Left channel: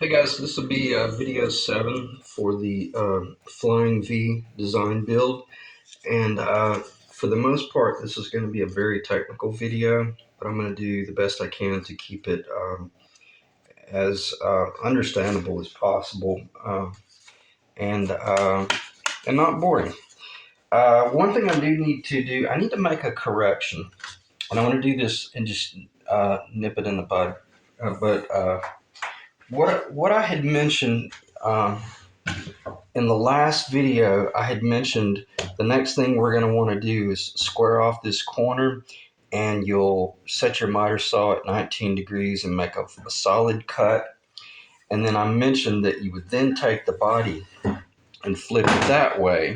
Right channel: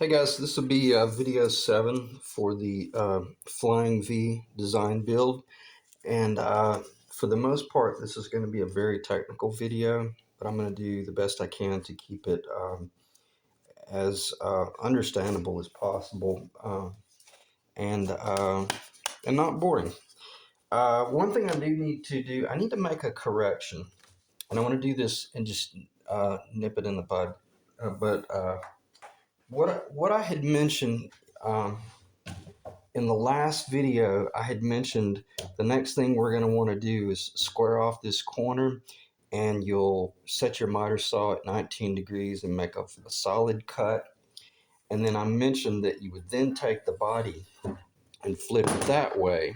Hey guys, this will be video 7 for the Flying V design build. And for the most part, this is going to be a very technical video, but I'm going to do the best I can to keep it as understandable as possible and, uh, and not boring. One thing I do need to do, I need to make a correction. And I want to do this and just nip it in the bud. But what I had mentioned in the last video, I had mentioned the next thing we're going to want to do is square off this corner, and you'll set your miter saw at 19 degrees and make a solid cut. And then I mentioned that you would then take the body and flip it that way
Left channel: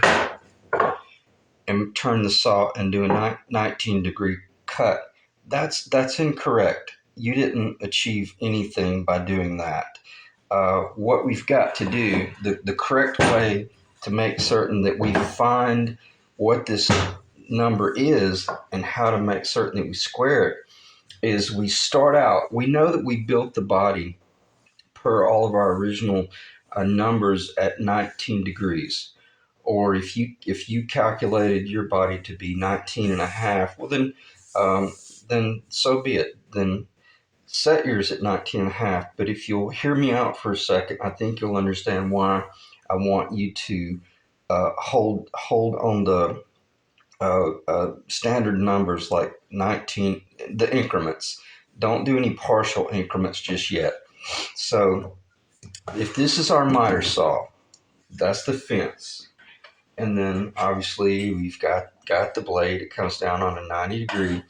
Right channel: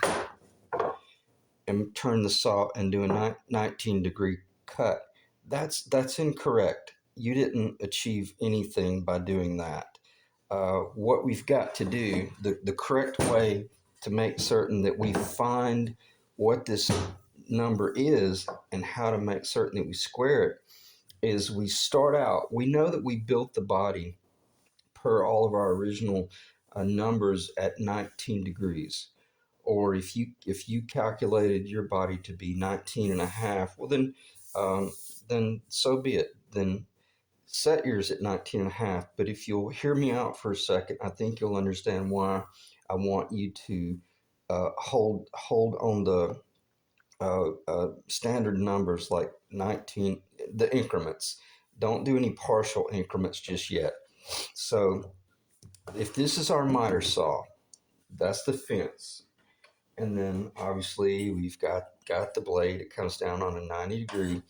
and turn the saw and do a 19-degree cut. That's incorrect. You didn't achieve anything by doing that. What we've got to do, the correct way to make certain that we find what this number is and how to make certain that we square it, is we start out, we know that we built the body per all of our original numbers at 19 degrees. Or if you calculated your body to be 19 and a half, well then so be it. Then set yours at 19 and a half. But if you'll hear me out for a second, I think you'll understand why I want you to hold on the standard numbers like 19, the increments. Don't do any partial increments just yet. So if this is our miter saw, that's the fence. And then obviously we've got the blade. It comes down on a 90 degree.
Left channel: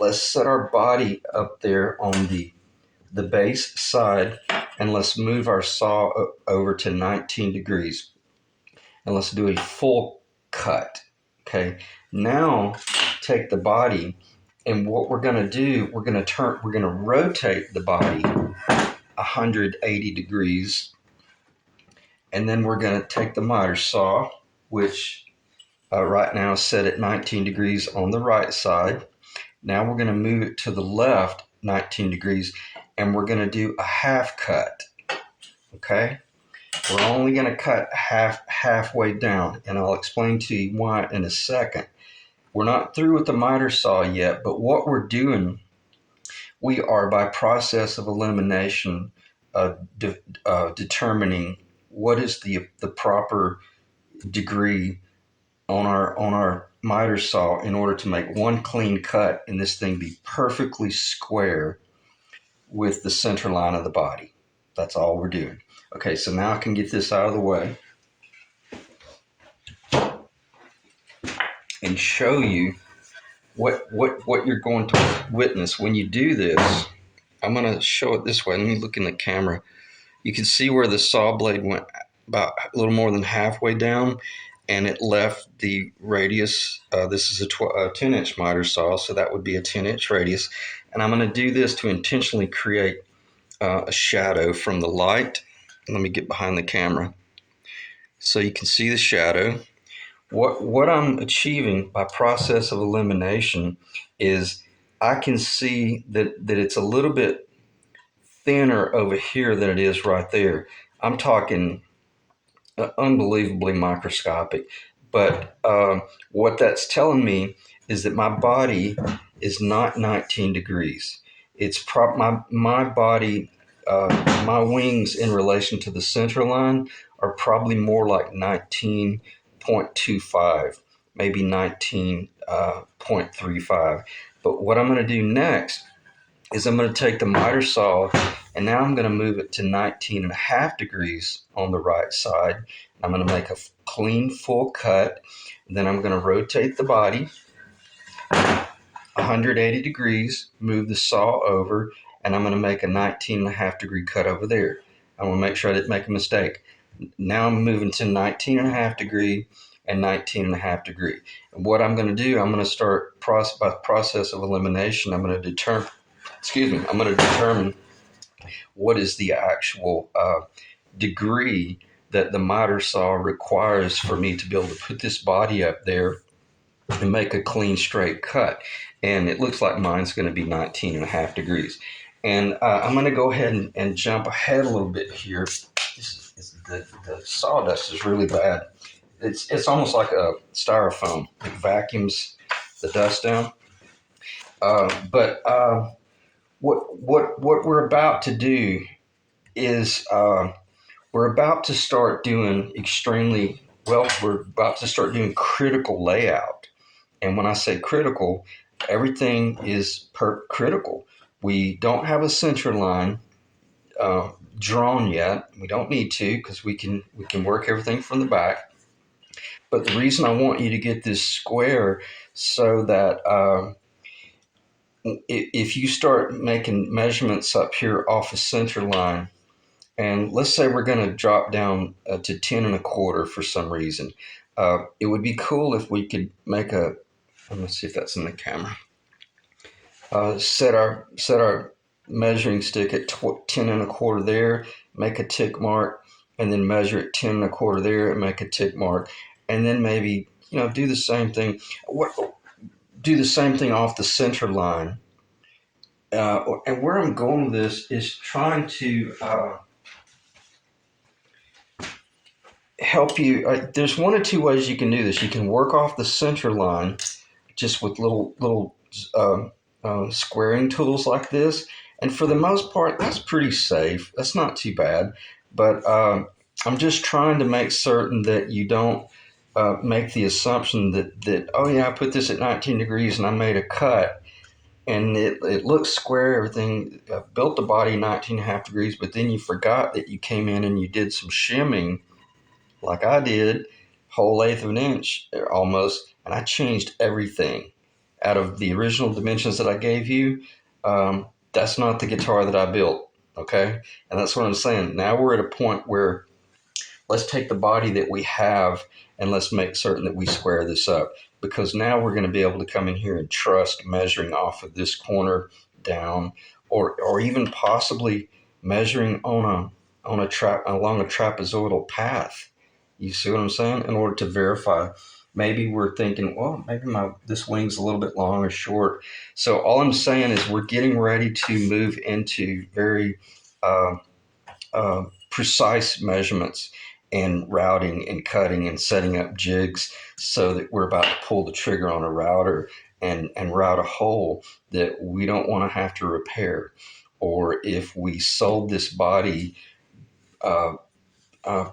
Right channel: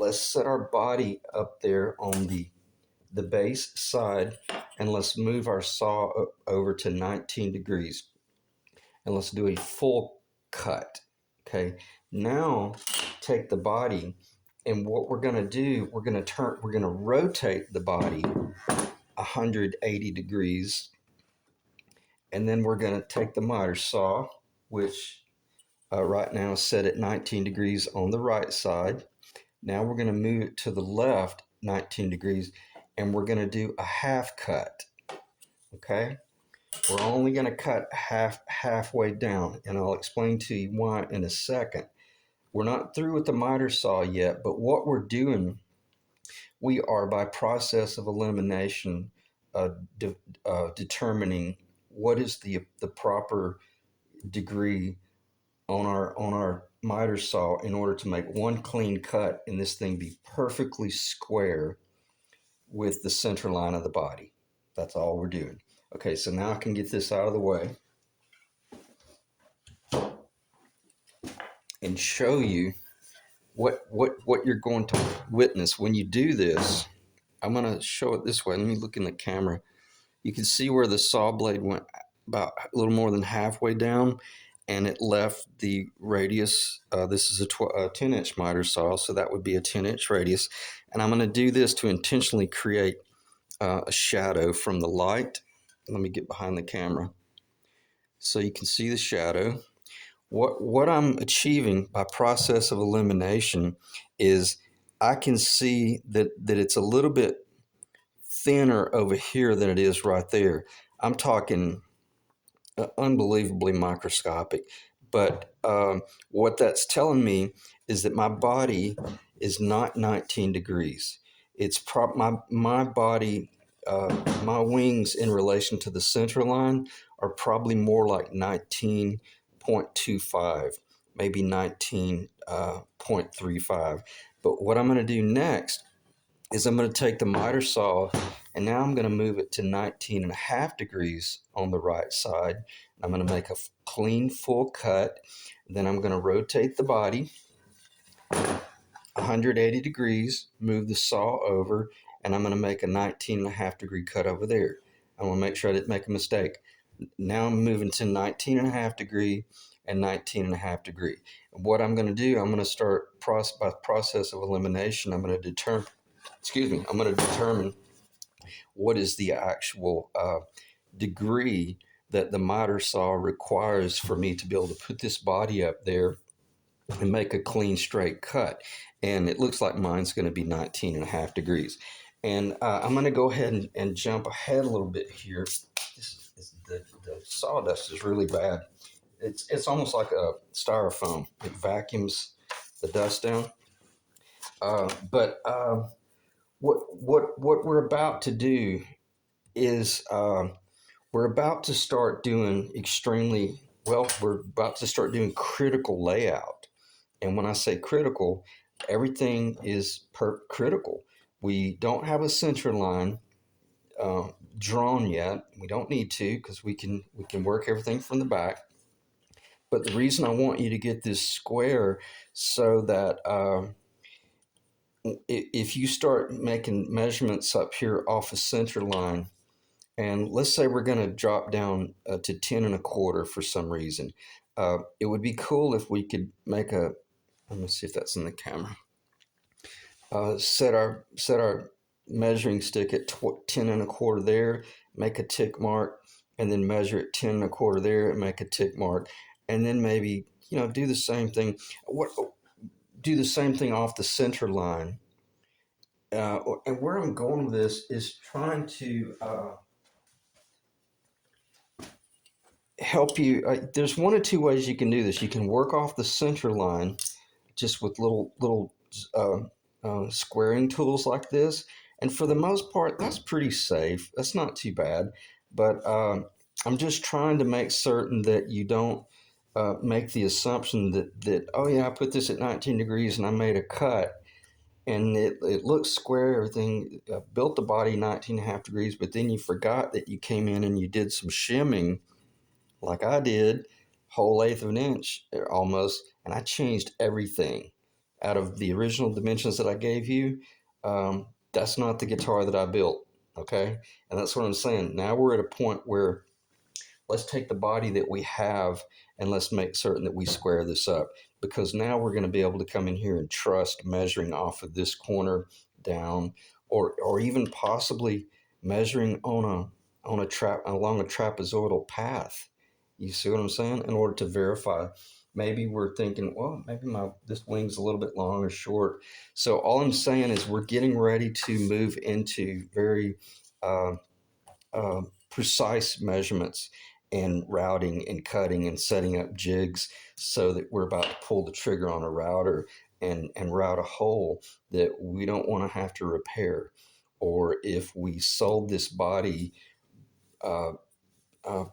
Let's set our body up there on the base side, and let's move our saw over to 19 degrees, and let's do a full cut. Okay, now take the body, and what we're going to do, we're going to rotate the body 180 degrees, and then we're going to take the miter saw, which right now is set at 19 degrees on the right side. Now we're going to move it to the left 19 degrees, and we're going to do a half cut. Okay, we're only going to cut halfway down, and I'll explain to you why in a second. We're not through with the miter saw yet, but what we're doing, we are by process of elimination determining what is the proper degree on our miter saw in order to make one clean cut and this thing be perfectly square with the center line of the body. That's all we're doing. Okay, so now I can get this out of the way and show you what you're going to witness when you do this. I'm going to show it this way. Let me look in the camera. You can see where the saw blade went about a little more than halfway down, and it left the radius. This is a 10-inch miter saw, so that would be a 10-inch radius. And I'm going to do this to intentionally create a shadow from the light. Let me get behind the camera so you can see the shadow. What I'm achieving by process of elimination is I can see that it's a little bit thinner over here than it is right there. I'm talking unbelievably microscopic. But what that's telling me is that my body is not 19 degrees. It's my body, my wings in relation to the center line are probably more like 19.25, maybe 19.35. But what I'm going to do next is I'm going to take the miter saw, and now I'm going to move it to 19 and a half degrees on the right side. I'm going to make a clean full cut. Then I'm going to rotate the body 180 degrees, move the saw over, and I'm going to make a 19 and a half degree cut over there. I want to make sure I didn't make a mistake. Now I'm moving to 19 and a half degree and 19 and a half degree. And what I'm going to do, I'm going to start by process of elimination. I'm going to determine what is the actual degree that the miter saw requires for me to be able to put this body up there and make a clean straight cut. And it looks like mine's going to be 19 and a half degrees. And I'm going to go ahead and jump ahead a little bit here. The sawdust is really bad. It's almost like a styrofoam. It vacuums the dust down. But what we're about to do is we're about to start doing extremely well. We're about to start doing critical layout, and when I say critical, everything is critical. We don't have a center line uh, drawn yet. We don't need to because we can work everything from the back. But the reason I want you to get this square so that if you start making measurements up here off a center line, and let's say we're going to drop down to 10 and a quarter for some reason, it would be cool if we could make a. Let me see if that's in the camera. Set our measuring stick at 10 and a quarter there, make a tick mark, and then measure at 10 and a quarter there and make a tick mark, and then maybe do the same thing. Do the same thing off the center line. And where I'm going with this is trying to help you. There's one or two ways you can do this. You can work off the center line just with little squaring tools like this, and for the most part, that's pretty safe. That's not too bad. But I'm just trying to make certain that you don't make the assumption that oh yeah, I put this at 19 degrees and I made a cut and it looks square, everything, built the body 19 and a half degrees, but then you forgot that you came in and you did some shimming like I did, whole eighth of an inch almost, and I changed everything out of the original dimensions that I gave you. That's not the guitar that I built, okay? And that's what I'm saying. Now we're at a point where let's take the body that we have and let's make certain that we square this up, because now we're going to be able to come in here and trust measuring off of this corner down, or even possibly measuring on a trap along a trapezoidal path. You see what I'm saying? In order to verify, maybe we're thinking, well, maybe my this wing's a little bit long or short. So all I'm saying is we're getting ready to move into very uh, precise measurements and routing and cutting and setting up jigs so that we're about to pull the trigger on a router and route a hole that we don't want to have to repair. Or if we sold this body uh, uh,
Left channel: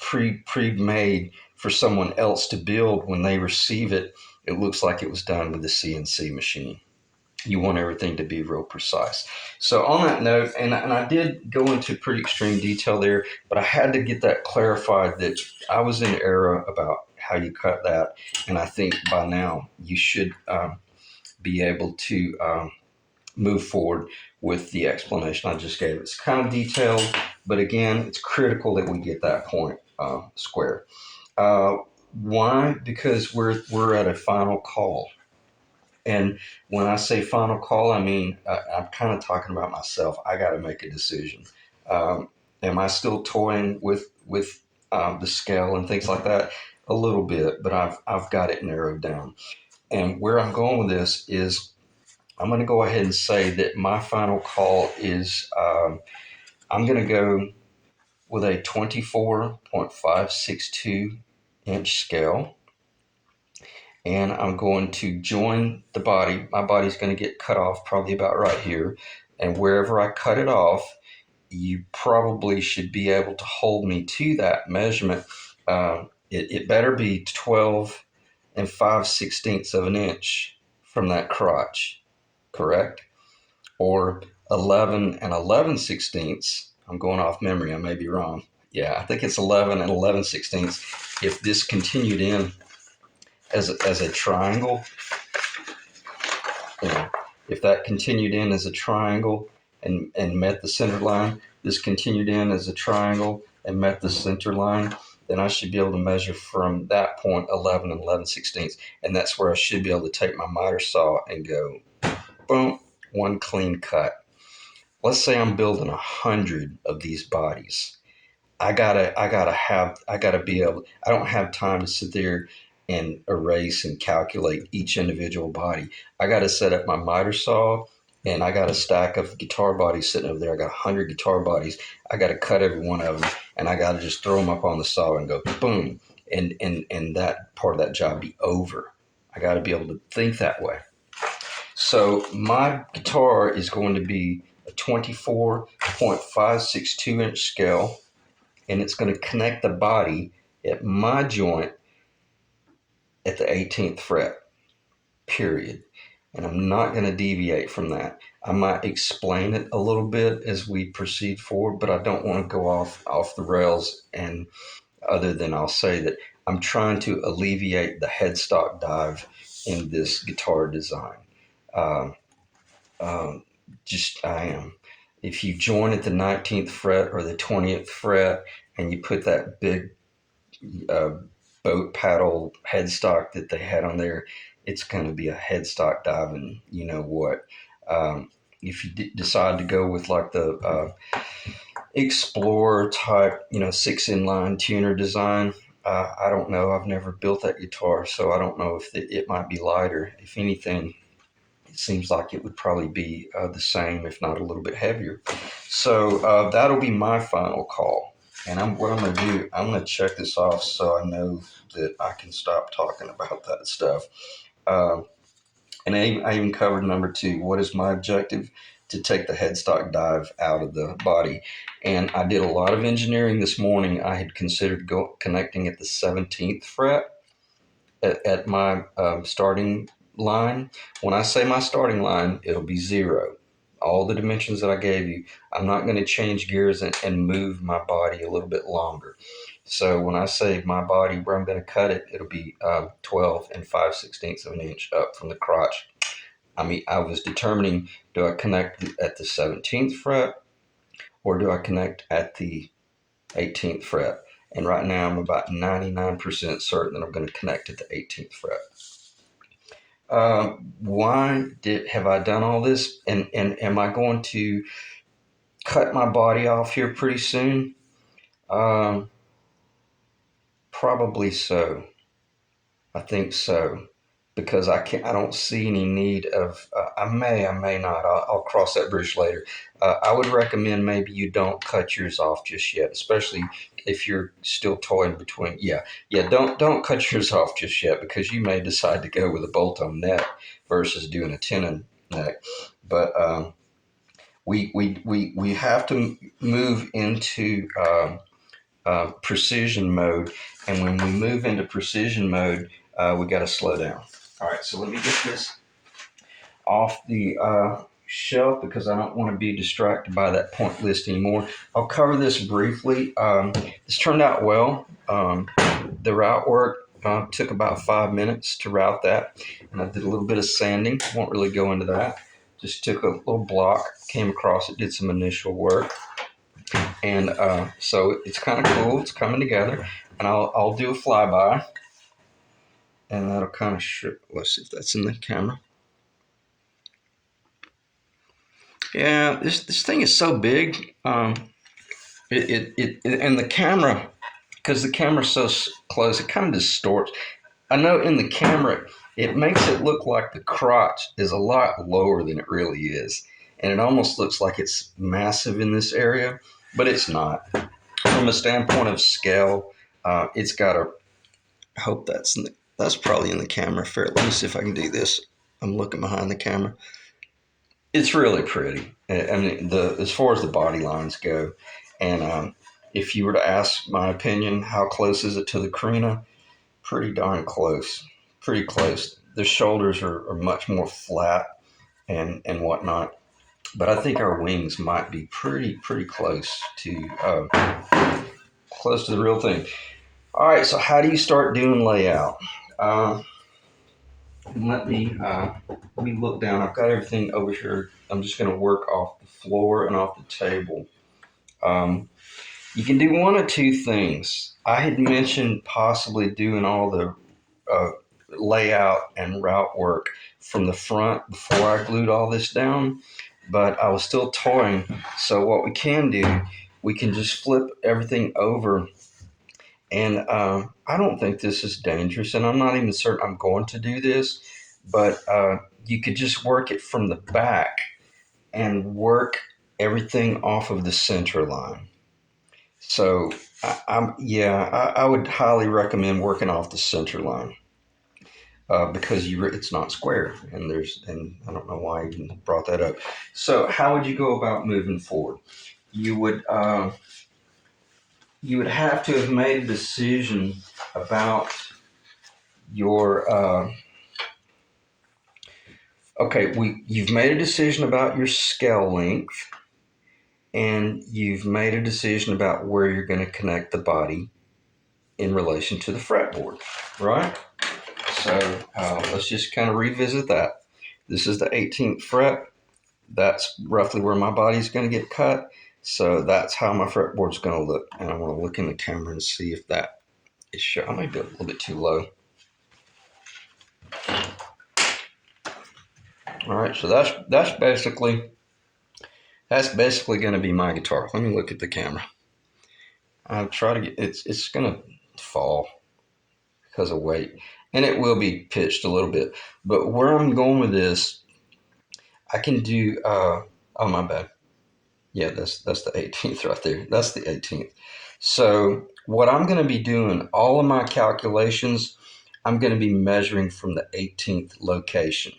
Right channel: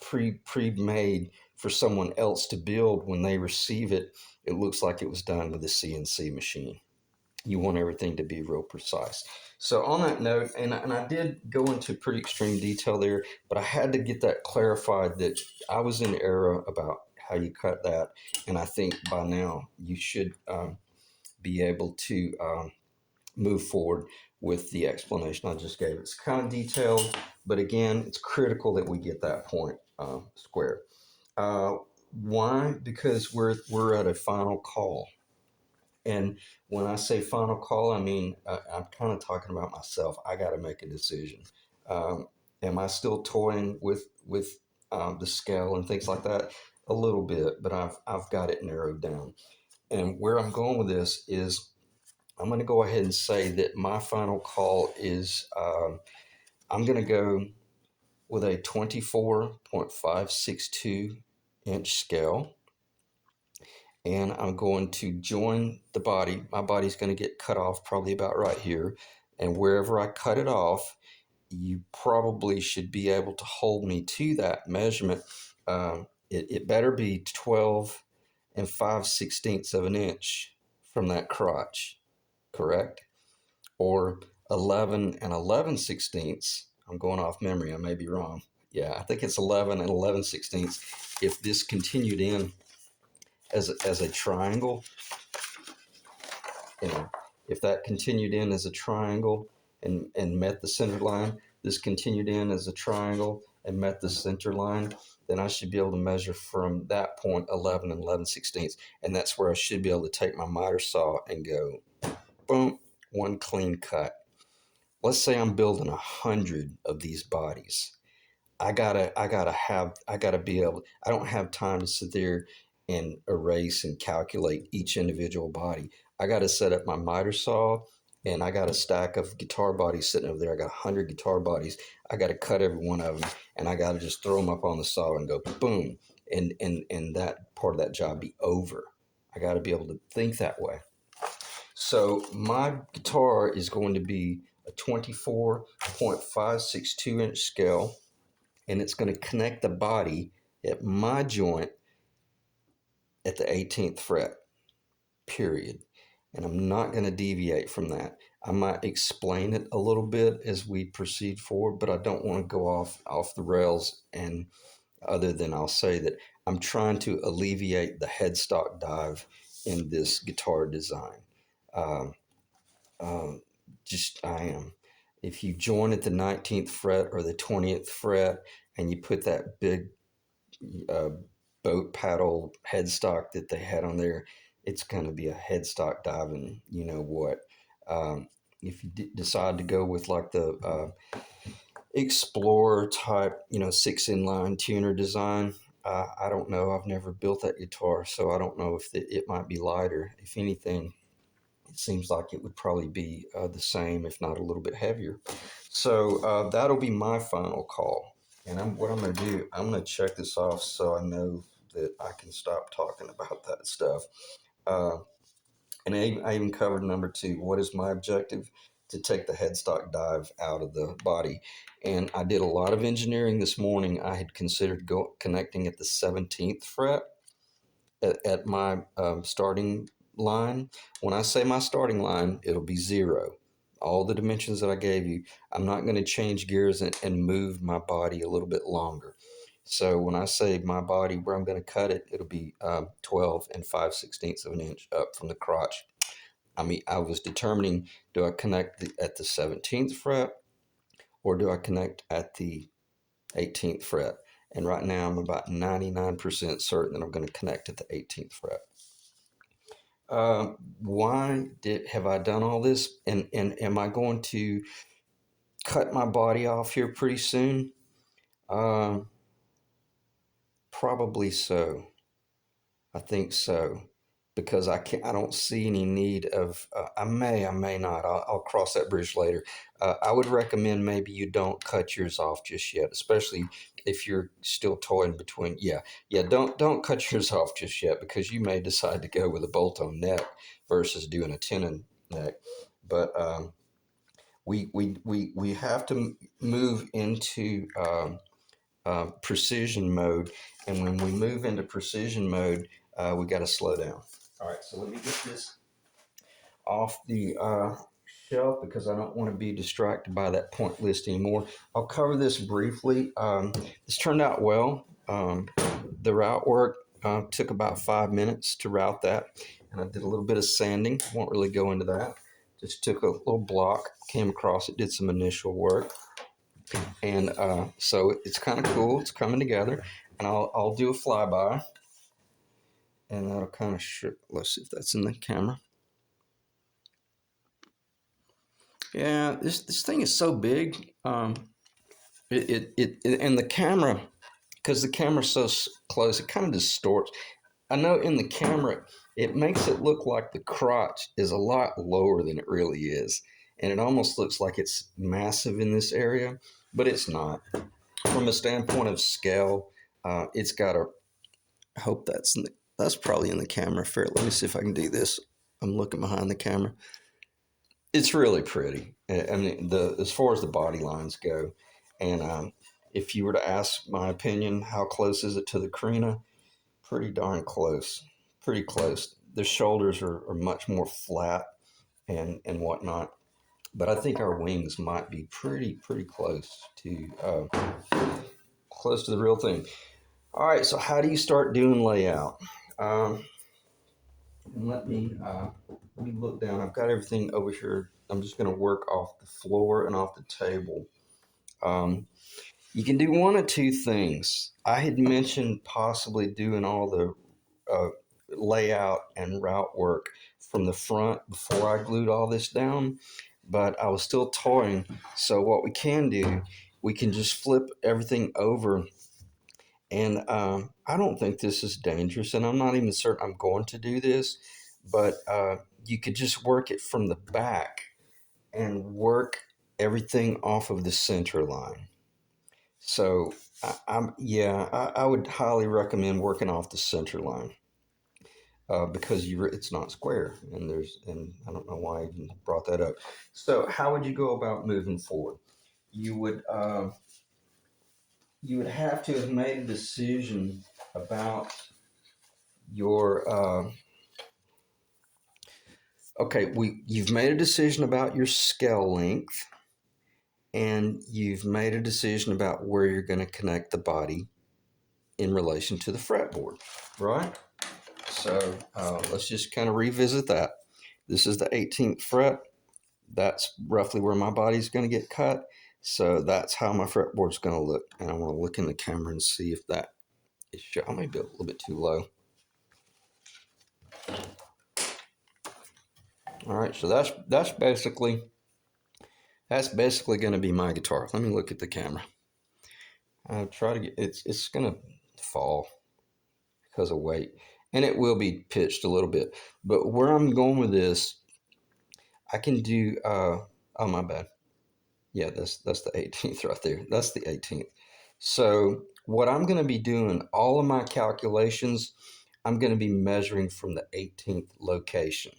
pre-made for someone else to build, when they receive it, it looks like it was done with a CNC machine. You want everything to be real precise. So on that note, and I did go into pretty extreme detail there, but I had to get that clarified that I was in error about how you cut that, and I think by now you should be able to move forward with the explanation I just gave. It's kind of detailed, but again, it's critical that we get that point square. Uh, why? Because we're at a final call. And when I say final call, I mean, I'm kind of talking about myself. I got to make a decision. Am I still toying with the scale and things like that? A little bit, but I've got it narrowed down. And where I'm going with this is I'm going to go ahead and say that my final call is I'm going to go with a 24.562 inch scale, and I'm going to join the body. My body's going to get cut off probably about right here. And wherever I cut it off, you probably should be able to hold me to that measurement. It better be 12 and 5/16 of an inch from that crotch, correct? Or 11 and 11/16. I'm going off memory. I may be wrong. Yeah, I think it's 11 and 11/16. If this continued in as a triangle, you know, if that continued in as a triangle and met the center line, this continued in as a triangle and met the center line, then I should be able to measure from that point 11 and 11/16. And that's where I should be able to take my miter saw and go, boom, one clean cut. Let's say I'm building 100 of these bodies. I gotta be able. I don't have time to sit there and erase and calculate each individual body. I gotta set up my miter saw and I got a stack of guitar bodies sitting over there. I got 100 guitar bodies. I got to cut every one of them, and I got to just throw them up on the saw and go boom, and that part of that job be over. I got to be able to think that way. So my guitar is going to be a 24.562-inch scale, and it's going to connect the body at my joint at the 18th fret, period. And I'm not going to deviate from that. I might explain it a little bit as we proceed forward, but I don't want to go off the rails. And other than I'll say that I'm trying to alleviate the headstock dive in this guitar design. Um, um, just I am. If you join at the 19th fret or the 20th fret and you put that big uh, boat paddle headstock that they had on there, it's going to be a headstock diving, you know what. If you decide to go with like the Explorer type, 6 inline tuner design, I don't know. I've never built that guitar, so I don't know if it might be lighter. If anything, it seems like it would probably be the same, if not a little bit heavier. So that'll be my final call. And what I'm going to do, I'm going to check this off so I know that I can stop talking about that stuff. Uh, and I even covered number 2. What is my objective? To take the headstock dive out of the body. And I did a lot of engineering this morning. I had considered connecting at the 17th fret at my starting line. When I say my starting line, it'll be 0. All the dimensions that I gave you, I'm not going to change gears and move my body a little bit longer. So when I say my body, where I'm going to cut it, it'll be 12 and 5/16 of an inch up from the crotch. I mean, I was determining, do I connect at the 17th fret or do I connect at the 18th fret? And right now I'm about 99% certain that I'm going to connect at the 18th fret. Why have I done all this? And am I going to cut my body off here pretty soon? Probably so. I think so, because I don't see any need of. I may not. I'll cross that bridge later. I would recommend maybe you don't cut yours off just yet, especially if you're still toying between. Yeah. Don't cut yours off just yet, because you may decide to go with a bolt-on neck versus doing a tenon neck. But we have to move into precision mode, and when we move into precision mode, we got to slow down. All right, so let me get this off the shelf because I don't want to be distracted by that point list anymore. I'll cover this briefly. This turned out well. The route work took about 5 minutes to route that, and I did a little bit of sanding. Won't really go into that. Just took a little block, came across it, did some initial work. And so it's kind of cool. It's coming together, and I'll do a flyby, and that'll kind of let's see if that's in the camera. Yeah, this thing is so big. And the camera, because the camera's so close, it kind of distorts. I know in the camera it makes it look like the crotch is a lot lower than it really is, and it almost looks like it's massive in this area, but it's not. From a standpoint of scale, it's got a. I hope that's probably in the camera. Let me see if I can do this. I'm looking behind the camera. It's really pretty. I mean, as far as the body lines go, and if you were to ask my opinion, how close is it to the Carina? Pretty darn close. Pretty close. The shoulders are much more flat and whatnot, but I think our wings might be pretty close to the real thing. All right, so how do you start doing layout? Let me look down. I've got everything over here. I'm just going to work off the floor and off the table. You can do one of two things. I had mentioned possibly doing all the layout and route work from the front before I glued all this down, but I was still toying. So what we can do, we can just flip everything over. And I don't think this is dangerous, and I'm not even certain I'm going to do this, but you could just work it from the back and work everything off of the center line. So I would highly recommend working off the center line because it's not square, and I don't know why I even brought that up. So how would you go about moving forward? You would you would have to have made a decision about your you've made a decision about your scale length, and you've made a decision about where you're going to connect the body in relation to the fretboard, right? So let's just kind of revisit that. This is the 18th fret. That's roughly where my body's going to get cut. So that's how my fretboard's going to look. And I'm going to look in the camera and see if that is shown. I might be a little bit too low. All right, so that's basically going to be my guitar. Let me look at the camera. I'll try to get it's going to fall because of weight, and it will be pitched a little bit. But where I'm going with this, I can do. Oh, my bad. Yeah, that's the 18th right there. That's the 18th. So what I'm going to be doing, all of my calculations, I'm going to be measuring from the 18th location.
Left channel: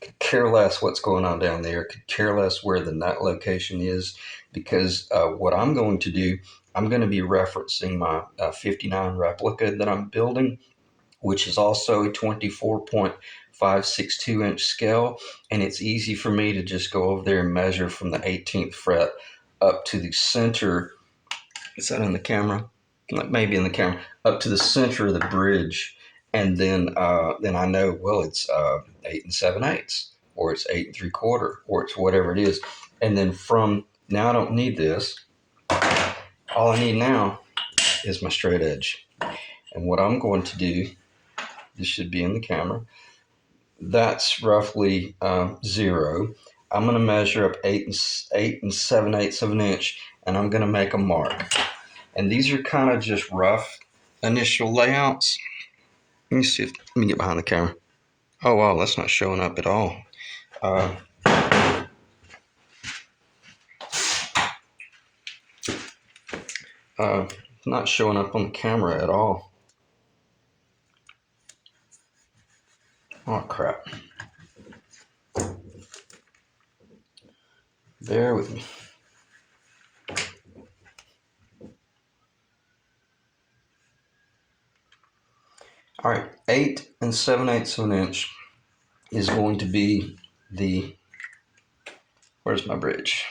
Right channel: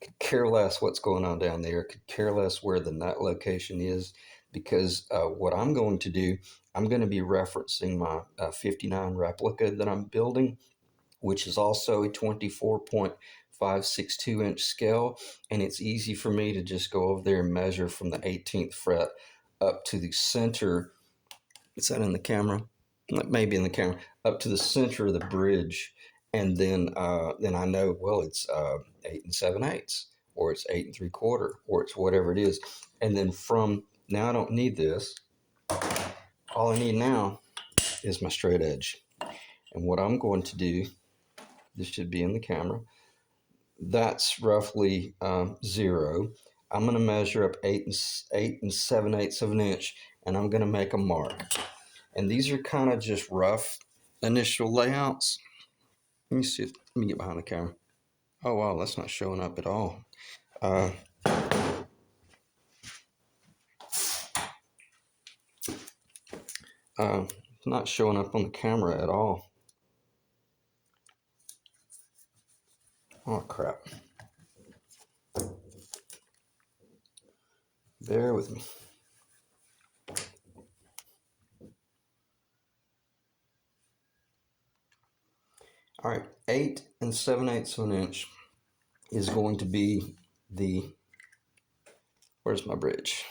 Could care less what's going on down there. Could care less where the nut location is, because what I'm going to do, I'm going to be referencing my 59 replica that I'm building, which is also a 24.562 inch scale. And it's easy for me to just go over there and measure from the 18th fret up to the center. Is that in the camera? Maybe in the camera. Up to the center of the bridge. And then I know, well, it's 8 7/8, or it's 8 3/4, or it's whatever it is. And then now I don't need this. All I need now is my straight edge. And what I'm going to do, this should be in the camera, that's roughly 0. I'm going to measure up 8 7/8 of an inch, and I'm going to make a mark. And these are kind of just rough initial layouts. Let me see. Let me get behind the camera. Oh wow, that's not showing up at all. Not showing up on the camera at all. Oh crap. Bear with me. All right, 8 7/8 of an inch is going to be the, where's my bridge?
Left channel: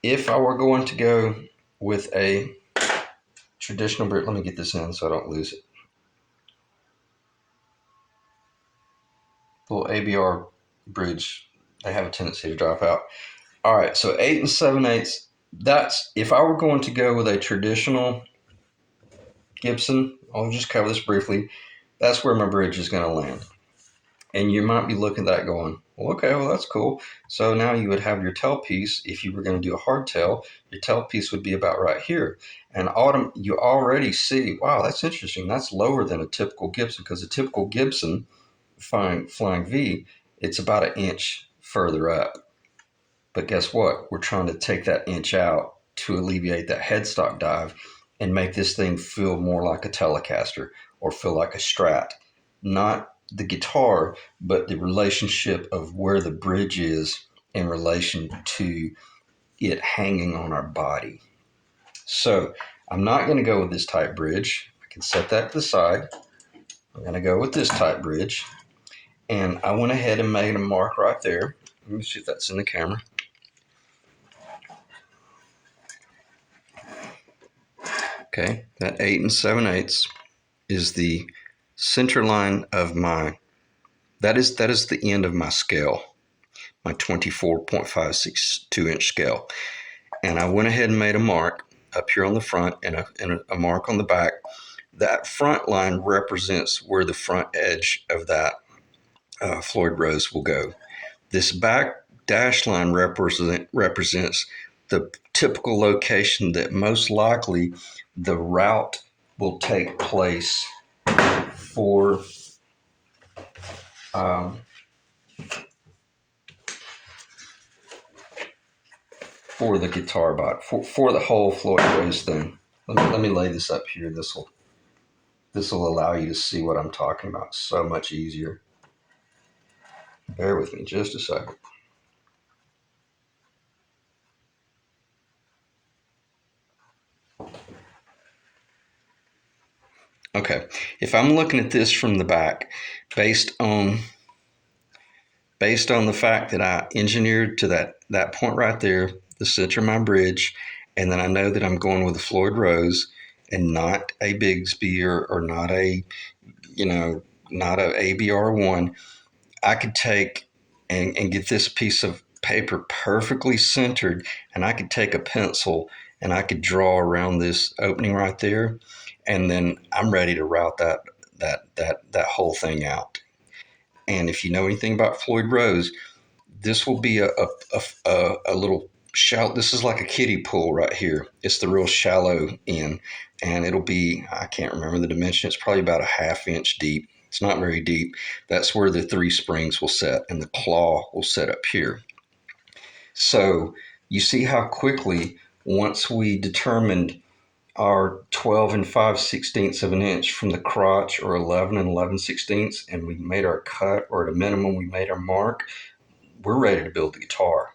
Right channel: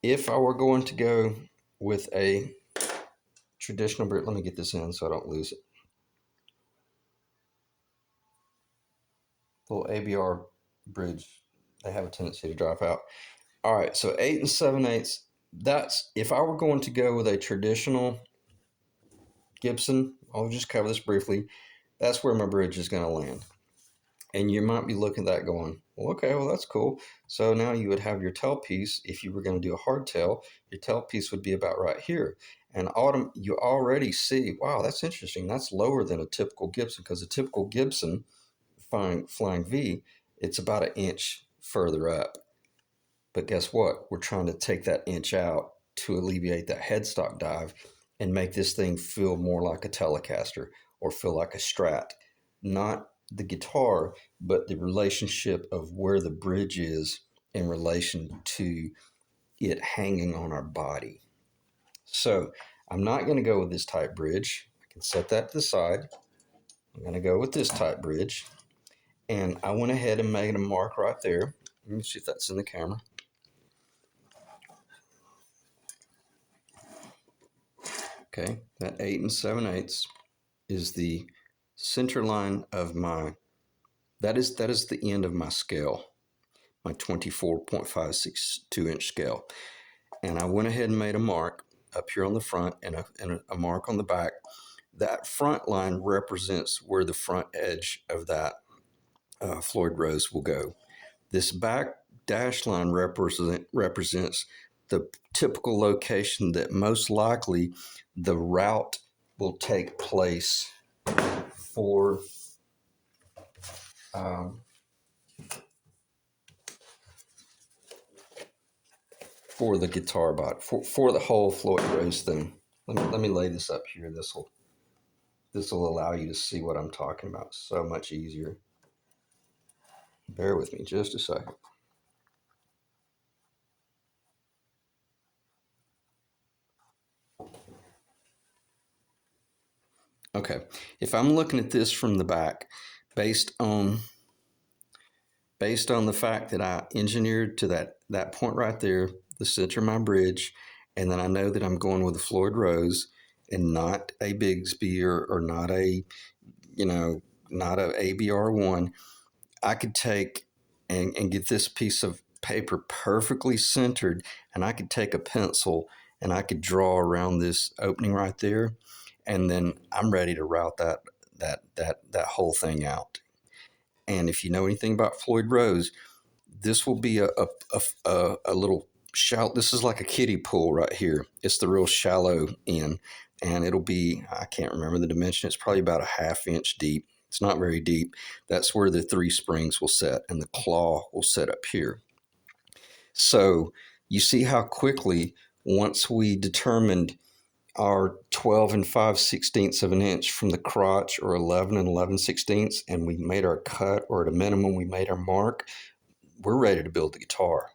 If I were going to go with a traditional bridge, let me get this in so I don't lose it. Little ABR bridge, they have a tendency to drop out. All right, so 8 7/8. That's if I were going to go with a traditional Gibson. I'll just cover this briefly. That's where my bridge is going to land. And you might be looking at that going, well, okay, well, that's cool. So now you would have your tailpiece. If you were going to do a hardtail, your tailpiece would be about right here. And you already see, wow, that's interesting. That's lower than a typical Gibson, because a typical Gibson flying V, it's about an inch further up. But guess what? We're trying to take that inch out to alleviate that headstock dive and make this thing feel more like a Telecaster or feel like a Strat. Not the guitar, but the relationship of where the bridge is in relation to it hanging on our body. So I'm not going to go with this type bridge. I can set that to the side. I'm going to go with this type bridge. And I went ahead and made a mark right there. Let me see if that's in the camera. Okay, that 8 7/8 is the center line of that is the end of my scale, my 24.562 inch scale. And I went ahead and made a mark up here on the front and a mark on the back. That front line represents where the front edge of that Floyd Rose will go. This back dash line represents the typical location that most likely the route will take place for um, for the guitar body, for the whole Floyd Rose thing. Let me lay this up here. This will allow you to see what I'm talking about so much easier. Bear with me just a second. Okay, if I'm looking at this from the back, based on the fact that I engineered to that point right there, the center of my bridge, and then I know that I'm going with a Floyd Rose and not a Bigsby or not a not a ABR1. I could take and get this piece of paper perfectly centered, and I could take a pencil and I could draw around this opening right there, and then I'm ready to route that whole thing out. And if you know anything about Floyd Rose, this will be a little shallow. This is like a kiddie pool right here. It's the real shallow end, and it'll be, I can't remember the dimension. It's probably about a ½ inch deep. It's not very deep. That's where the 3 springs will set, and the claw will set up here. So you see how quickly, once we determined our 12 and 5/16 of an inch from the crotch, or 11 and 11/16, and we made our cut, or at a minimum we made our mark, we're ready to build the guitar.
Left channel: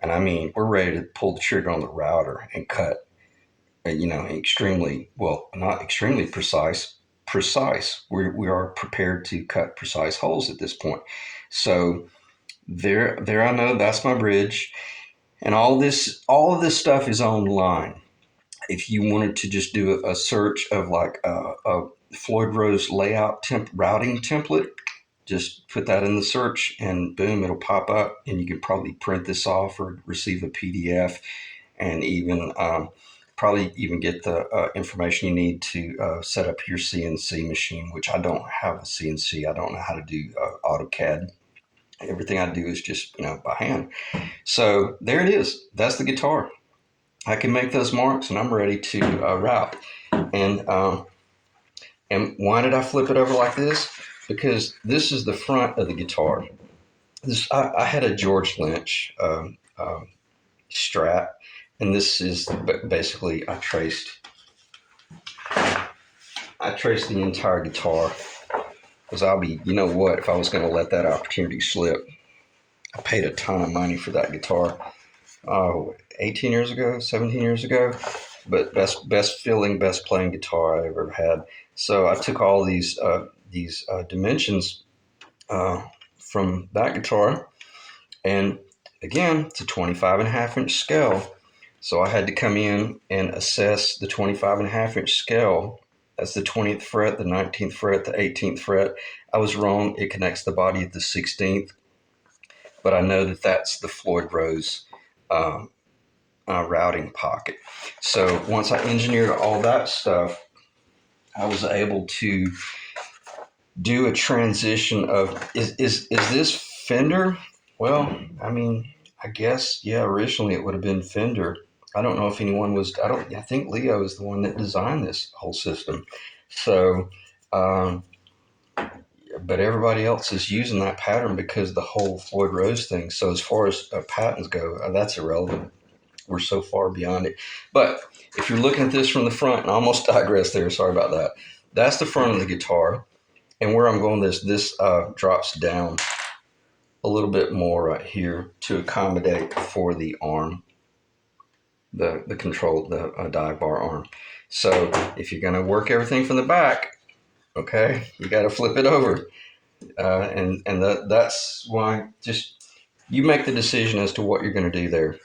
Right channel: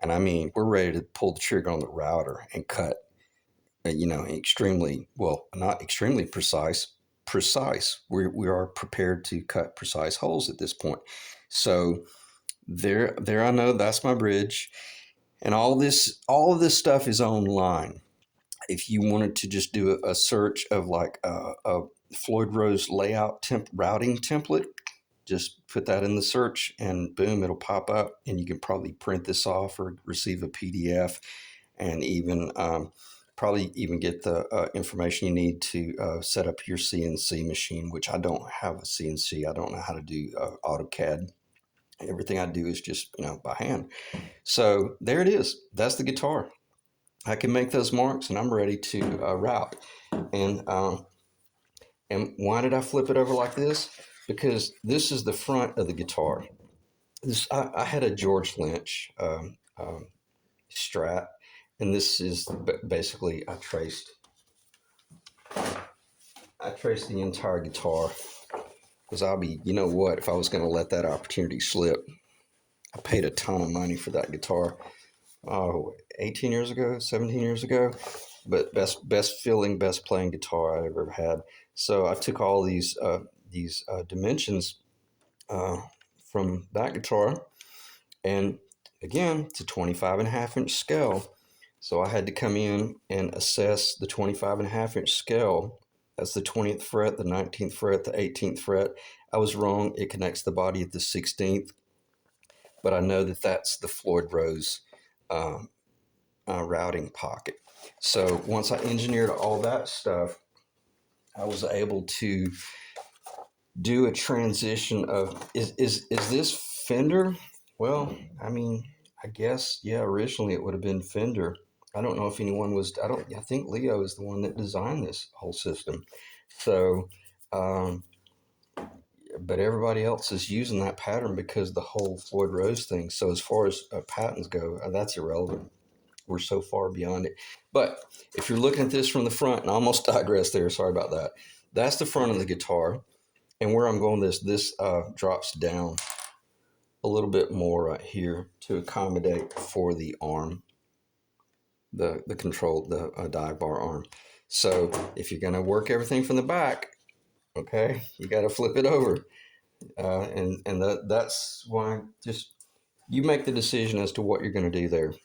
And I mean, we're ready to pull the trigger on the router and cut, extremely, well, not extremely precise. We are prepared to cut precise holes at this point. So there I know that's my bridge. And all of this stuff is online. If you wanted to just do a search of like a Floyd Rose layout routing template, just put that in the search and boom, it'll pop up, and you can probably print this off or receive a PDF, and even probably even get the information you need to set up your CNC machine, which I don't have a CNC. I don't know how to do AutoCAD. Everything I do is just by hand. So there it is. That's the guitar. I can make those marks, and I'm ready to route. And why did I flip it over like this? Because this is the front of the guitar. I had a George Lynch Strat, and this is basically I traced the entire guitar, because you know what, if I was going to let that opportunity slip. I paid a ton of money for that guitar. 18 years ago, 17 years ago, but best feeling, best playing guitar I ever had. So I took all these dimensions from that guitar, and again, it's a 25.5 inch scale. So I had to come in and assess the 25.5 inch scale. That's the 20th fret, the 19th fret, the 18th fret. I was wrong. It connects the body at the 16th, but I know that that's the Floyd Rose routing pocket. So once I engineered all that stuff, I was able to do a transition of is this Fender? Well, I mean, I guess yeah. Originally, it would have been Fender. I don't know if anyone was. I think Leo is the one that designed this whole system. So, um, but everybody else is using that pattern because of the whole Floyd Rose thing. So as far as patents go, that's irrelevant. We're so far beyond it. But if you're looking at this from the front, and I almost digressed there. Sorry about that. That's the front of the guitar. And where I'm going, this drops down a little bit more right here to accommodate for the arm, the control, the dive bar arm. So if you're going to work everything from the back, okay, you got to flip it over, and that's why just you make the decision as to what you're going to do there.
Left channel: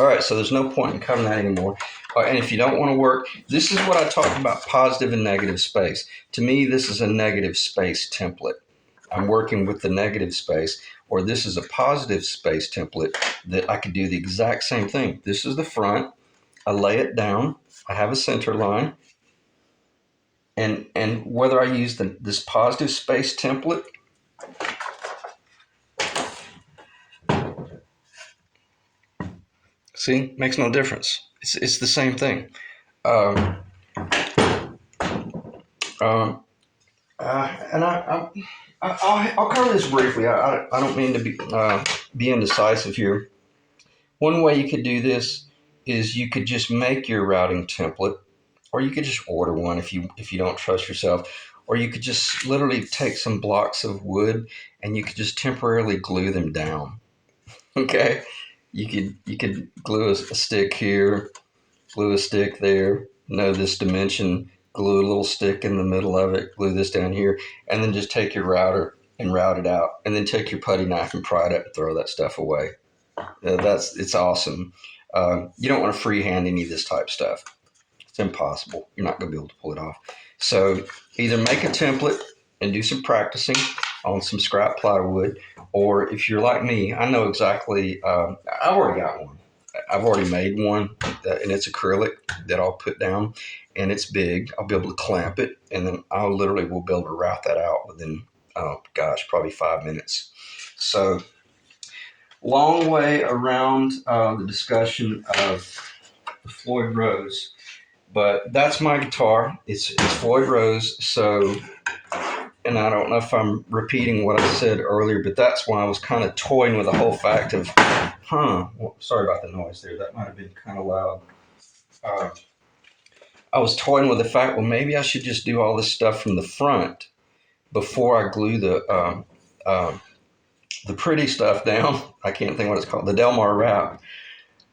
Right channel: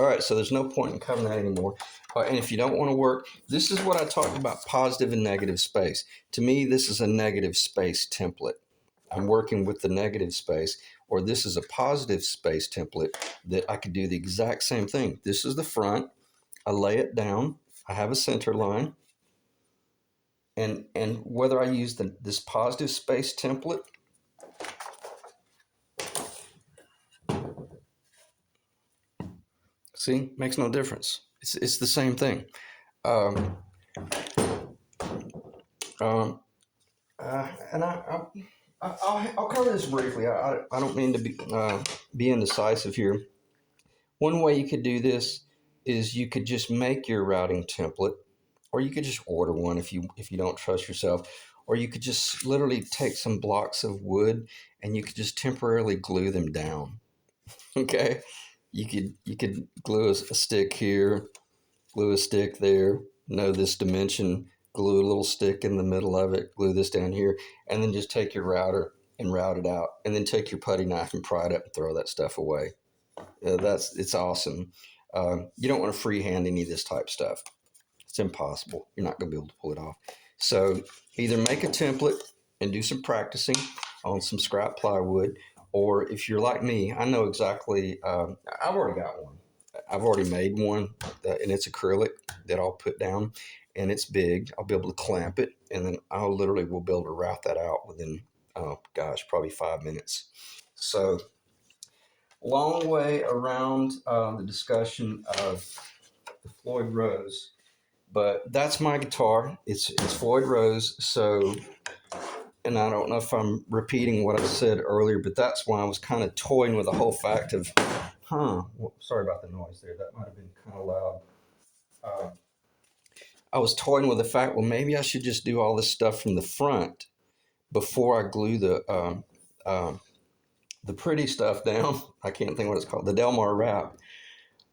All right, so there's no point in covering that anymore. All right, and if you don't want to work, this is what I talked about: positive and negative space. To me, this is a negative space template. I'm working with the negative space, or this is a positive space template that I could do the exact same thing. This is the front. I lay it down. I have a center line. And whether I use this positive space template, see, makes no difference. It's the same thing. Um, um, And I'll cover this briefly. I don't mean to be indecisive here. One way you could do this is you could just make your routing template, or you could just order one if you don't trust yourself, or you could just literally take some blocks of wood and you could just temporarily glue them down. Okay, you could glue a stick here, glue a stick there, know this dimension, glue a little stick in the middle of it, glue this down here, and then just take your router and route it out, and then take your putty knife and pry it up and throw that stuff away. It's awesome. You don't want to freehand any of this type stuff. It's impossible. You're not going to be able to pull it off. So either make a template and do some practicing on some scrap plywood, or if you're like me, I know exactly. I've already got one. I've already made one, and it's acrylic that I'll put down, and it's big. I'll be able to clamp it, and then I'll literally will be able to route that out within, oh gosh, probably 5 minutes. So long way around the discussion of Floyd Rose, but that's my guitar. It's Floyd Rose. So, and I don't know if I'm repeating what I said earlier, but that's why I was kind of toying with the whole fact of, well, sorry about the noise there. That might have been kind of loud. Uh, I was toying with the fact, well, maybe I should just do all this stuff from the front before I glue the pretty stuff down. I can't think what it's called, the Delmar wrap.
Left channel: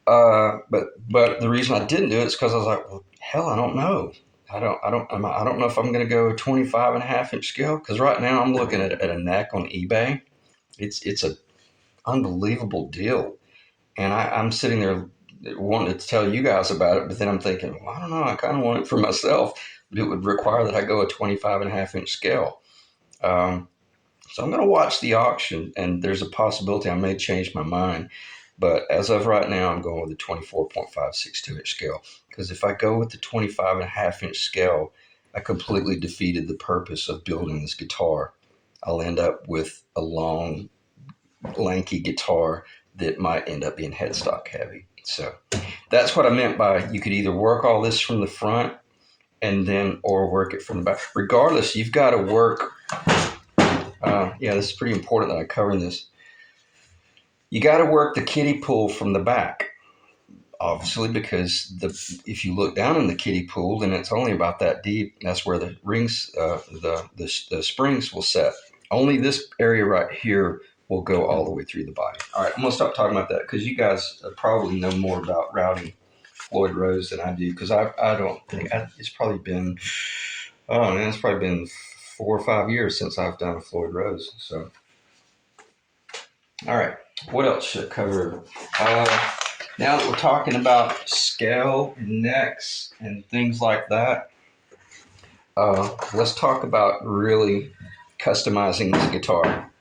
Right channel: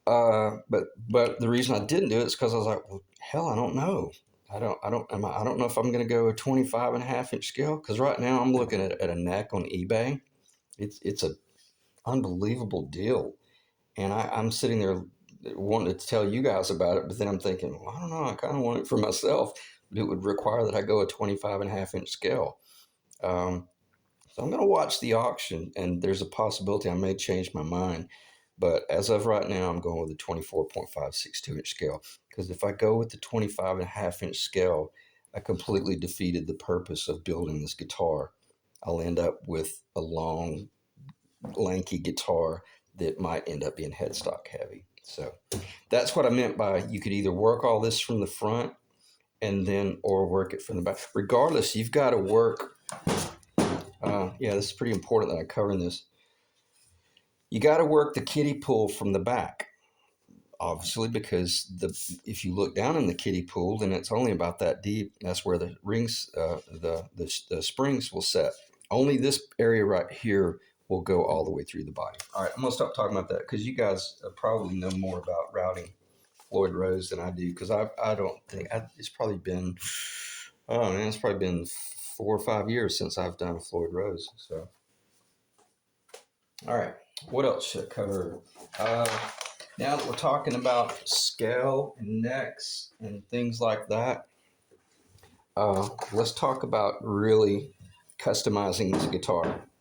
But the reason I didn't do it is because I was like, well, hell, I don't know. I don't know if I'm going to go 25 and a half inch scale, because right now I'm looking at a neck on eBay. It's a unbelievable deal, and I'm sitting there wanting to tell you guys about it, but then I'm thinking, well, I don't know. I kind of want it for myself, but it would require that I go a 25 and a half inch scale. Um, so I'm going to watch the auction, and there's a possibility I may change my mind. But as of right now, I'm going with the 24.562 inch scale, because if I go with the 25 and a half inch scale, I completely defeated the purpose of building this guitar. I'll end up with a long, lanky guitar that might end up being headstock heavy. So that's what I meant by you could either work all this from the front and then or work it from the back. Regardless, you've got to work. Yeah, this is pretty important that I cover in this. You got to work the kiddie pool from the back, obviously, because if you look down in the kiddie pool, then it's only about that deep. That's where the rings, the springs will set. Only this area right here will go all the way through the body. All right, I'm gonna stop talking about that because you guys probably know more about routing Floyd Rose than I do, because I don't think it's probably been, oh man, it's probably been 4 or 5 years since I've done a Floyd Rose. So, all right, what else should I cover? Now that we're talking about scale and necks and things like that, let's talk about really customizing this guitar.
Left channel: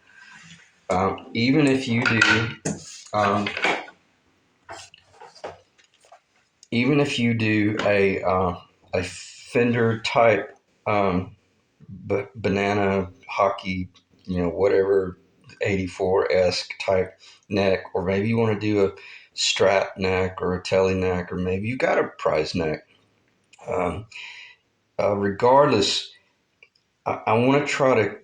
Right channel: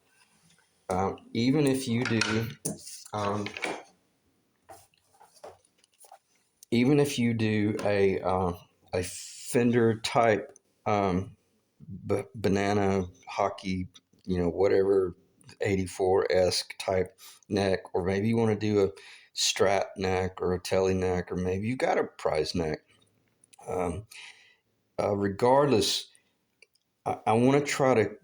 Even if you do, um, even if you do a Fender type banana hockey, whatever 84-esque type neck, or maybe you want to do a Strat neck or a Tele neck, or maybe you got a prize neck. Regardless, I want to try to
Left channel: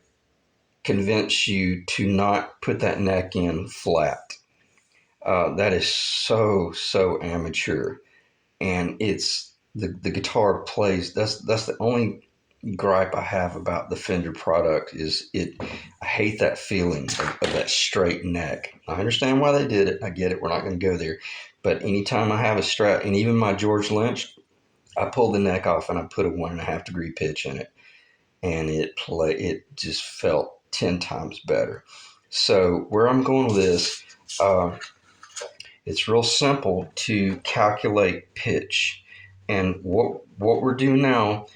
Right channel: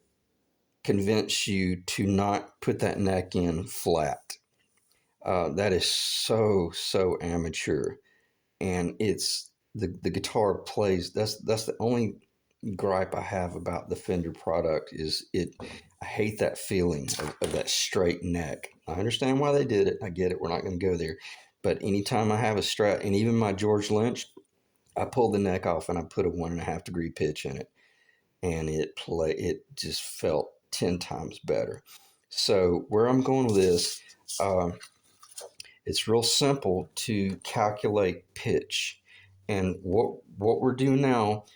convince you to not put that neck in flat. That is so amateur, and it's the guitar plays. That's the only gripe I have about the Fender product is it. I hate that feeling of that straight neck. I understand why they did it. I get it. We're not going to go there, but anytime I have a Strat, and even my George Lynch, I pull the neck off and I put a 1.5 degree pitch in it, and it just felt 10 times better. So where I'm going with this, it's real simple to calculate pitch, and what we're doing now,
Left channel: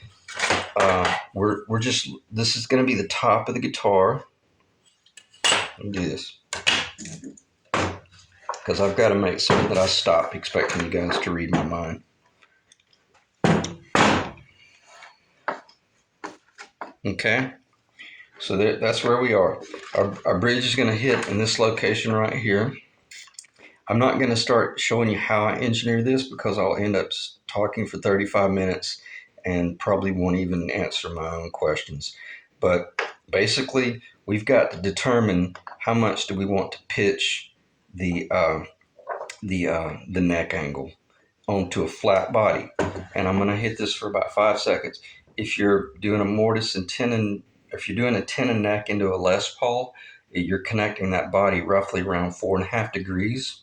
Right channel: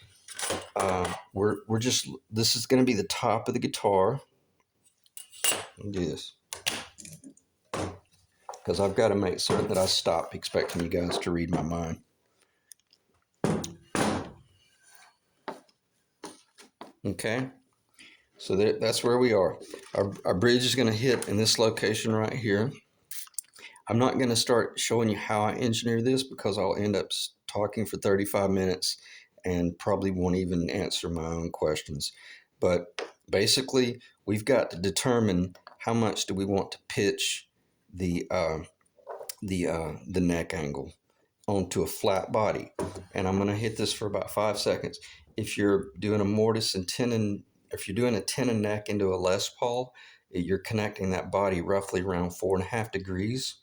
we're just, this is going to be the top of the guitar. Let me do this because I've got to make certain that I stop expecting you guys to read my mind. Okay, so that's where we are. Our bridge is going to hit in this location right here. I'm not going to start showing you how I engineer this because I'll end up talking for 35 minutes and probably won't even answer my own questions. But basically, we've got to determine how much do we want to pitch the the neck angle onto a flat body. And I'm going to hit this for about 5 seconds. If you're doing a mortise and tenon, if you're doing a tenon neck into a Les Paul, you're connecting that body roughly around 4.5 degrees.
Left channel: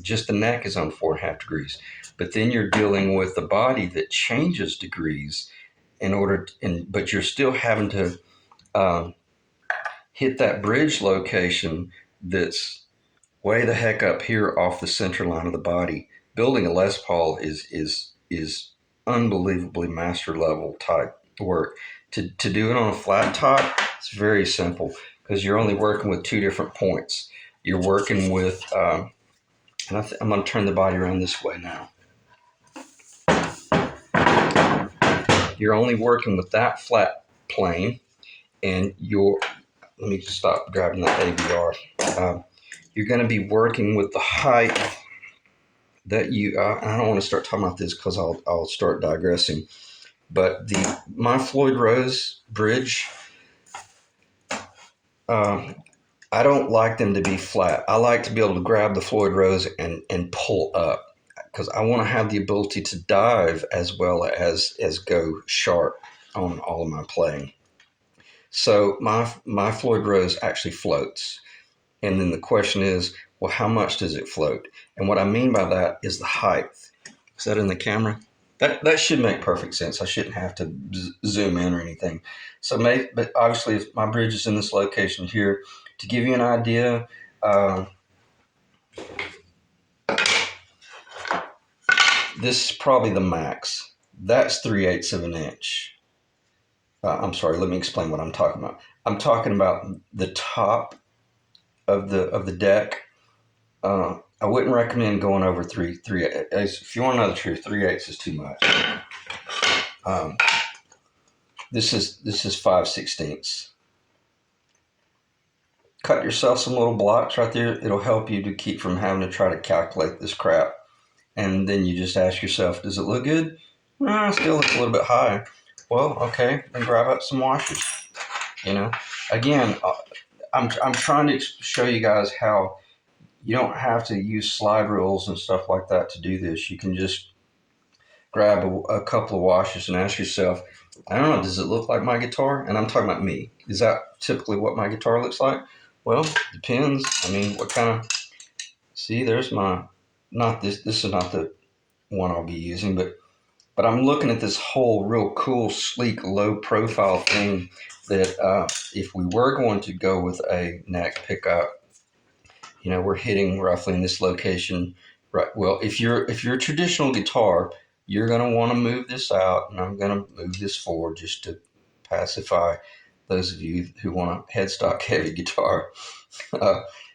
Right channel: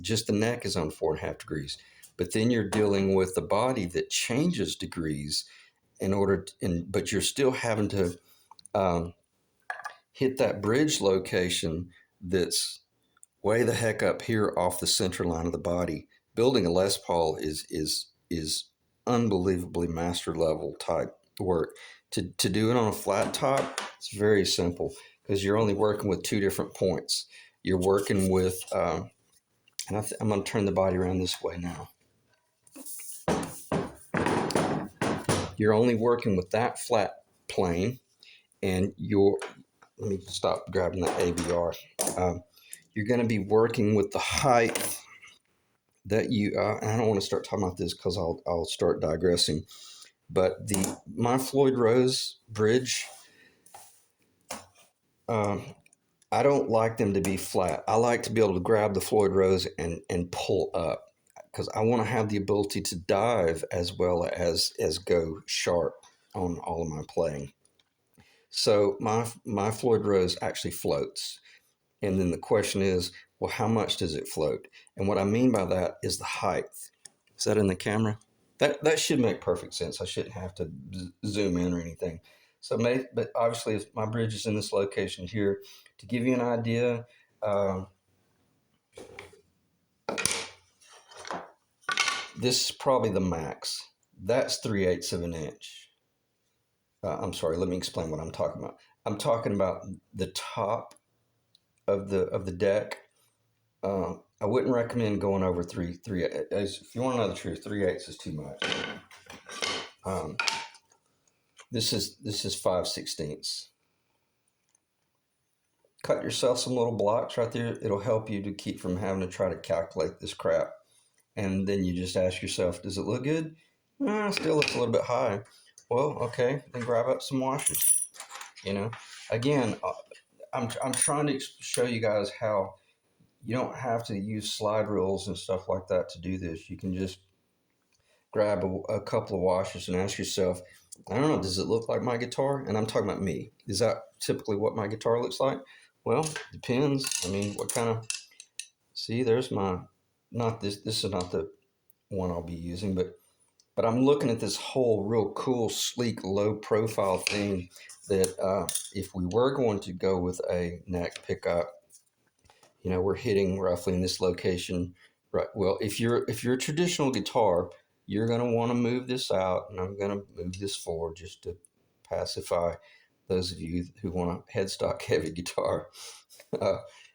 Just the neck is on 4.5 degrees. But then you're dealing with a body that changes degrees in order to, but you're still having to hit that bridge location that's way the heck up here off the center line of the body. Building a Les Paul is unbelievably master level type work. To do it on a flat top, it's very simple because you're only working with two different points. You're working with, and I'm going to turn the body around this way now. You're only working with that flat plane, and let me just stop grabbing that AVR. You're going to be working with the height that I don't want to start talking about this because I'll start digressing. But my Floyd Rose bridge, I don't like them to be flat. I like to be able to grab the Floyd Rose and pull up because I want to have the ability to dive as well as go sharp on all of my playing. So my Floyd Rose actually floats. And then the question is, well, how much does it float? And what I mean by that is the height. Is that in the camera? That should make perfect sense. I shouldn't have to zoom in or anything. So, but obviously, if my bridge is in this location here, to give you an idea, this is probably the max. That's 3/8 of an inch. I'm sorry. Let me explain what I'm talking about. I'm talking about the top of the deck. I wouldn't recommend going over 3/8. If you want to know the truth, 3/8 is too much. This is 5/16. Cut yourself some little blocks right there. It'll help you to keep from having to try to calculate this crap. And then you just ask yourself, does it look good? Still looks a little bit high. Well, okay, then grab up some washers. Again, I'm trying to show you guys how you don't have to use slide rules and stuff like that to do this. You can just grab a couple of washers and ask yourself, I don't know, does it look like my guitar? And I'm talking about me. Is that typically what my guitar looks like? Well, depends. I mean, what kind of, see, there's not this is not the one I'll be using, but I'm looking at this whole real cool, sleek, low profile thing that if we were going to go with a neck pickup, we're hitting roughly in this location, right? Well, if you're a traditional guitar, you're going to want to move this out, and I'm going to move this forward just to pacify those of you who want a headstock heavy guitar.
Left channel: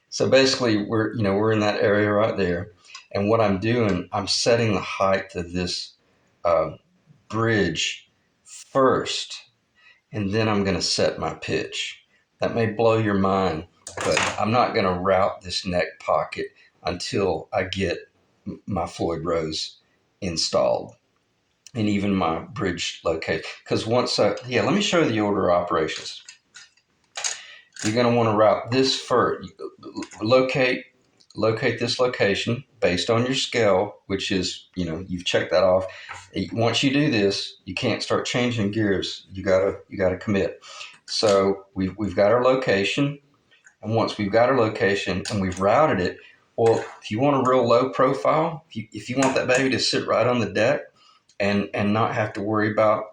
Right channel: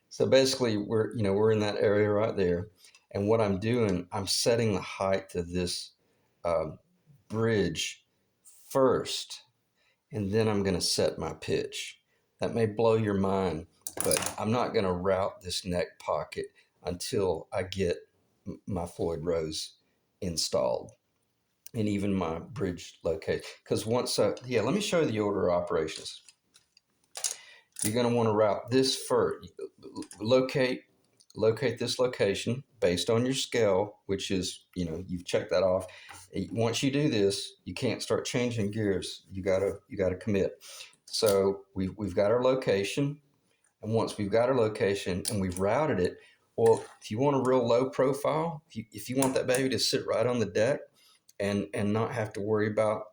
So basically, we're in that area right there, and what I'm doing, I'm setting the height of this bridge first, and then I'm going to set my pitch. That may blow your mind, but I'm not going to route this neck pocket until I get my Floyd Rose installed and even my bridge located. Because let me show you the order of operations. You're going to want to route this first. Locate this location based on your scale, which is, you've checked that off. Once you do this, you can't start changing gears. You gotta commit. So we've got our location, and once we've got our location and we've routed it, well, if you want a real low profile, if you want that baby to sit right on the deck and not have to worry about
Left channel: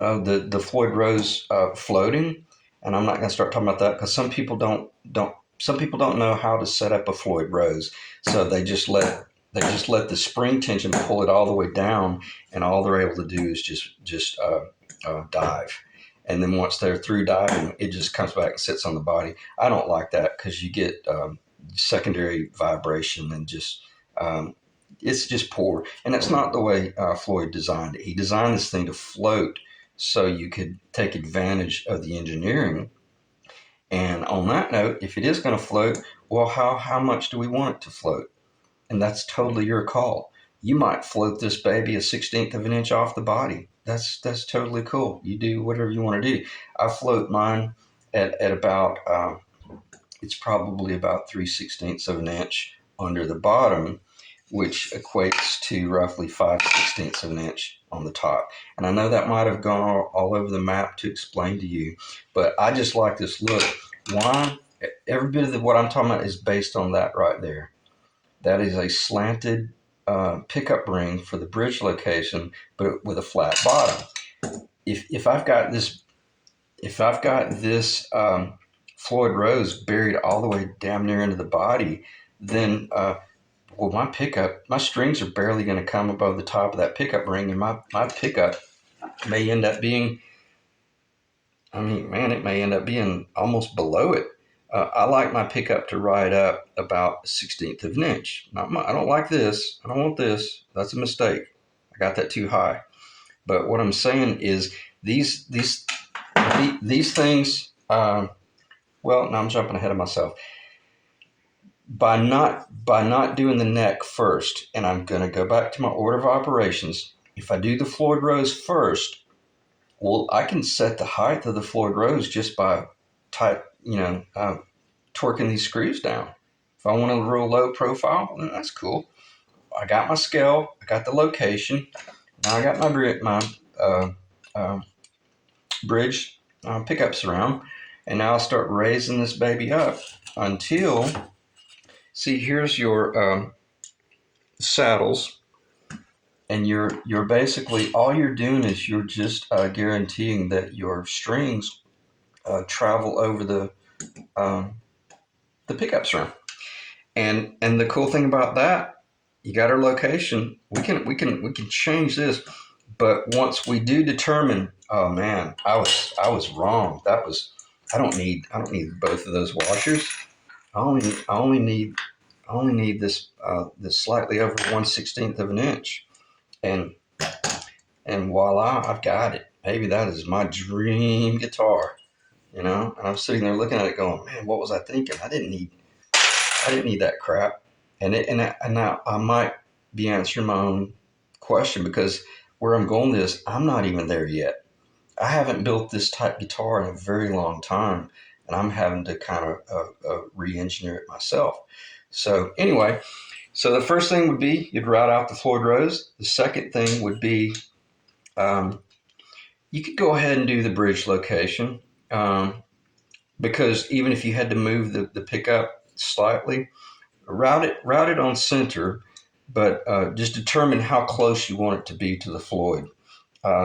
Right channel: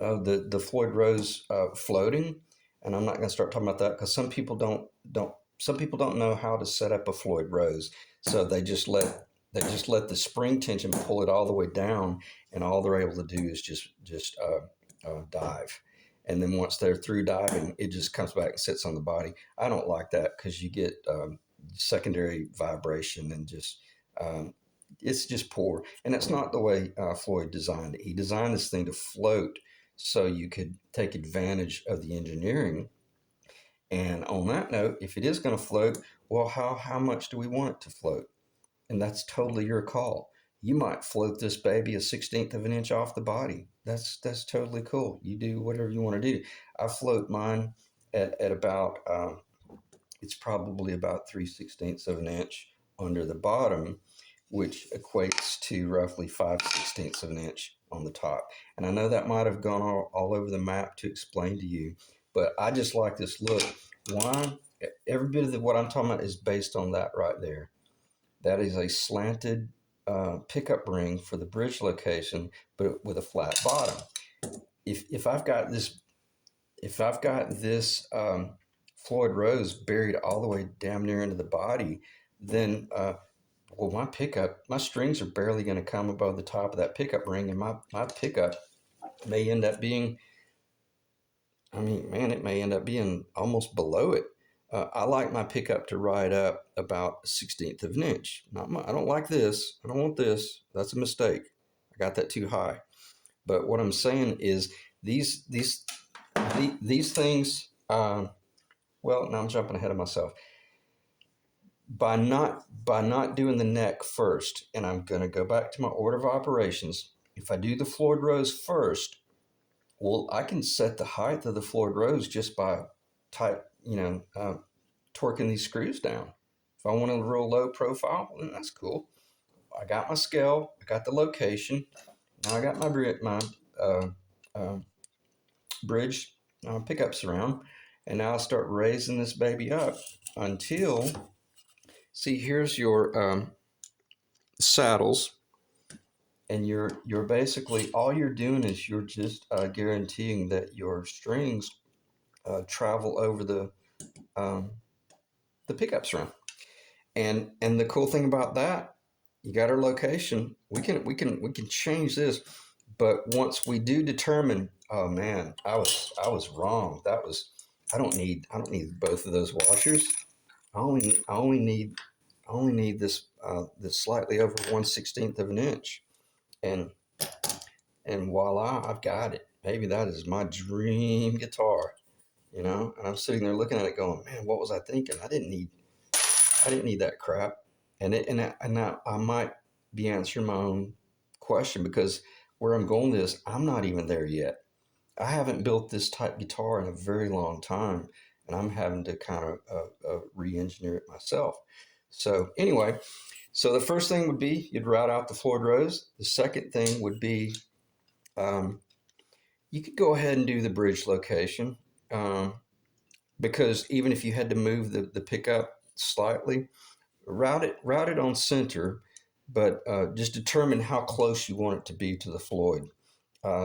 the Floyd Rose floating, and I'm not going to start talking about that because some people don't know how to set up a Floyd Rose, so they just let the spring tension pull it all the way down, and all they're able to do is just dive. And then once they're through diving, it just comes back and sits on the body. I don't like that because you get secondary vibration and just it's just poor. And that's not the way Floyd designed it. He designed this thing to float so you could take advantage of the engineering. And on that note, if it is going to float, well, how much do we want it to float? And that's totally your call. You might float this baby 1/16 of an inch off the body. that's totally cool. You do whatever you want to do. I float mine at about it's probably about 3/16 of an inch under the bottom, which equates to roughly 5/16 of an inch on the top. And I know that might have gone all over the map to explain to you, but I just like this look. Why? Every bit of what I'm talking about is based on that right there. That is a slanted pickup ring for the bridge location, but with a flat bottom. If I've got this Floyd Rose buried all the way damn near into the body, then well, my strings are barely going to come above the top of that pickup ring, and my pickup may end up being, I mean, man, it may end up being almost below it. I like my pickup to ride up about 1/16 of an inch. I don't like this. I don't want this. That's a mistake. I got that too high. But what I'm saying is these things. Well, now I'm jumping ahead of myself. By not doing the neck first, and I'm going to go back to my order of operations. If I do the Floyd Rose first, well, I can set the height of the Floyd Rose just by torquing these screws down. If I want a real low profile, then that's cool. I got my scale, I got the location. Now I got my uh, uh, bridge pickups around, and now I'll start raising this baby up until, see, here's your saddles, and you're basically, all you're doing is you're just guaranteeing that your strings travel over the pickups around. And the cool thing about that, you got our location. We can change this, but once we do determine, oh man, I was wrong. I don't need both of those washers. I only need this slightly over 1/16 of an inch, and and voila, I've got it. Maybe that is my dream guitar, And I'm sitting there looking at it, going, man, what was I thinking? I didn't need that crap. And now I might be answering my own question, because where I'm going is I'm not even there yet. I haven't built this type guitar in a very long time, and I'm having to kind of re-engineer it myself. So anyway, so the first thing would be you'd route out the Floyd Rose. The second thing would be um, you could go ahead and do the bridge location, because even if you had to move the pickup slightly, route it on center, but just determine how close you want it to be to the Floyd.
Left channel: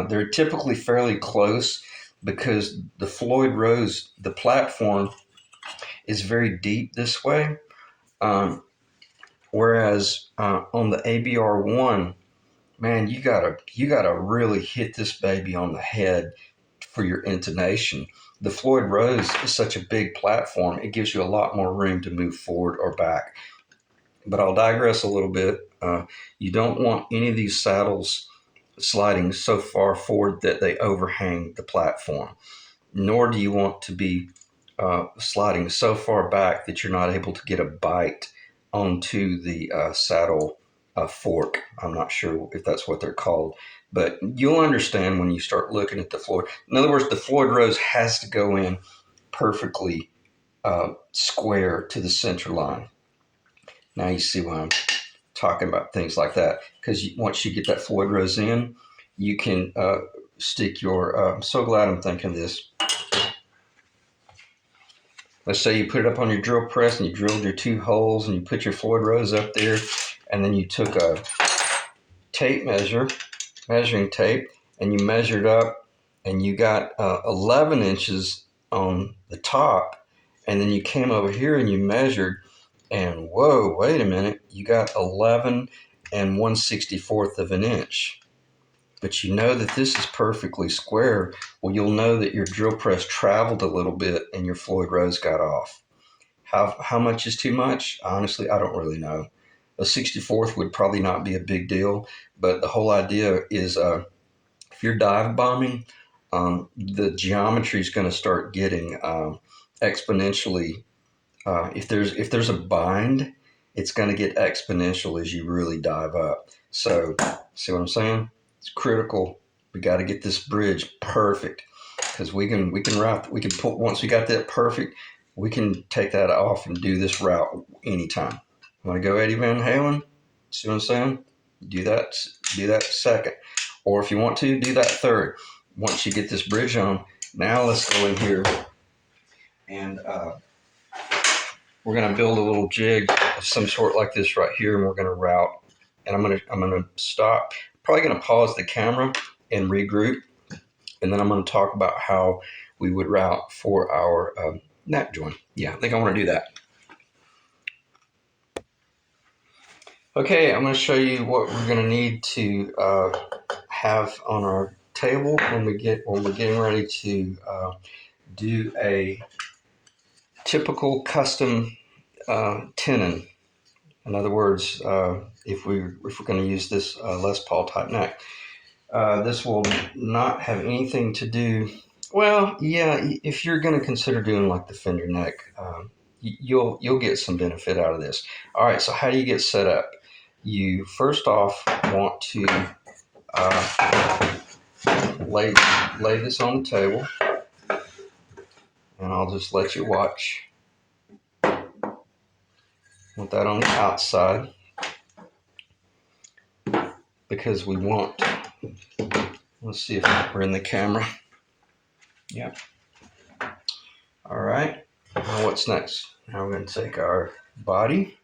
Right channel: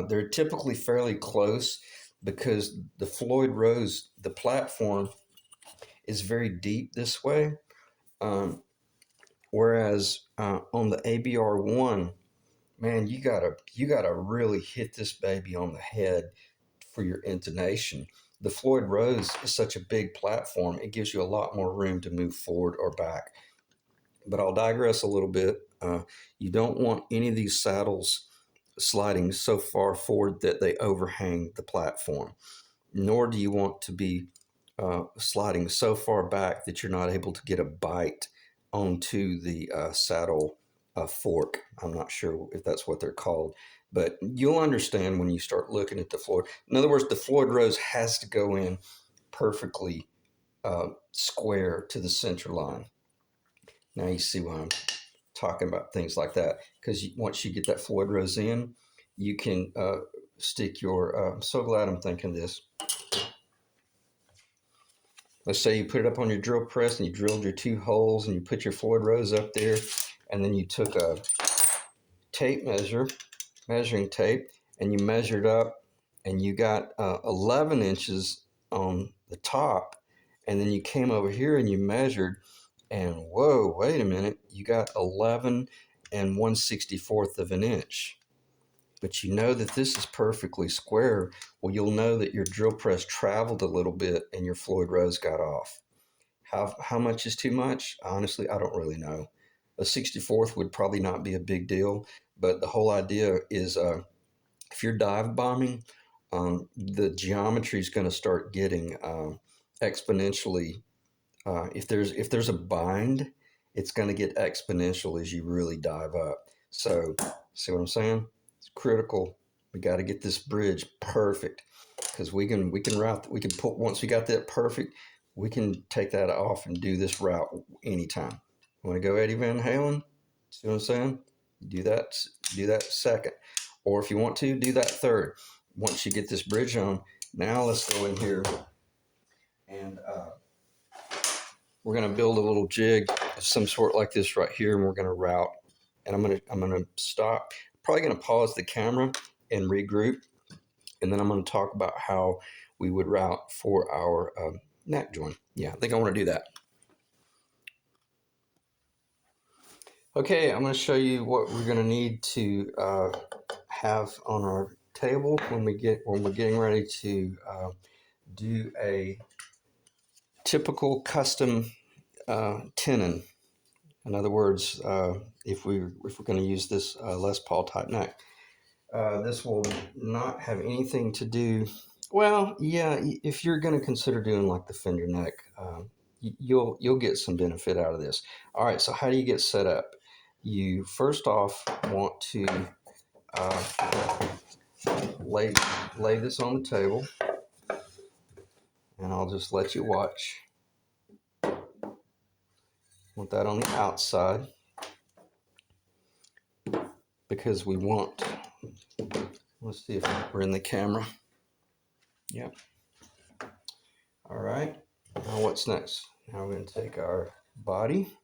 They're typically fairly close because the Floyd Rose, the platform, is very deep this way, whereas on the ABR1, man, you gotta really hit this baby on the head for your intonation. The Floyd Rose is such a big platform; it gives you a lot more room to move forward or back. But I'll digress a little bit. You don't want any of these saddles sliding so far forward that they overhang the platform, nor do you want to be sliding so far back that you're not able to get a bite onto the saddle fork. I'm not sure if that's what they're called, but you'll understand when you start looking at the Floyd. In other words, the Floyd Rose has to go in perfectly square to the center line. Now you see why I'm talking about things like that, because once you get that Floyd Rose in, you can stick your. I'm so glad I'm thinking this. Let's say you put it up on your drill press and you drilled your 2 holes and you put your Floyd Rose up there, and then you took a measuring tape, and you measured up, and you got 11 inches on the top, and then you came over here and you measured, and whoa, wait a minute, you got 11 and 1/64 of an inch. But you know that this is perfectly square. Well, you'll know that your drill press traveled a little bit and your Floyd Rose got off. How much is too much? Honestly, I don't really know. A 64th would probably not be a big deal, but the whole idea is if you're dive bombing, the geometry is going to start getting exponentially. If there's a bind, it's going to get exponential as you really dive up. So, see what I'm saying? It's critical We got to get this bridge perfect, because we can put, once we got that perfect, we can take that off and do this route anytime. Want to go Eddie Van Halen? See what I'm saying? Do that. Do that second, or if you want to, do that third. Once you get this bridge on, now let's go in here and we're gonna build a little jig of some sort like this right here, and we're gonna route. And I'm gonna stop. Probably gonna pause the camera and regroup, and then I'm gonna talk about how we would route for our neck joint. Yeah, I think I want to do that. Okay, I'm going to show you what we're going to need to have on our table when we're getting ready to do a typical custom tenon. In other words, if we're going to use this Les Paul type neck, this will not have anything to do. Well, yeah, if you're going to consider doing like the fender neck, you'll get some benefit out of this. All right, so how do you get set up? You first off want to lay this on the table, and I'll just let you watch. Want that on the outside because we want. Let's see if we're in the camera. Yeah. All right. Now what's next? Now we're going to take our body.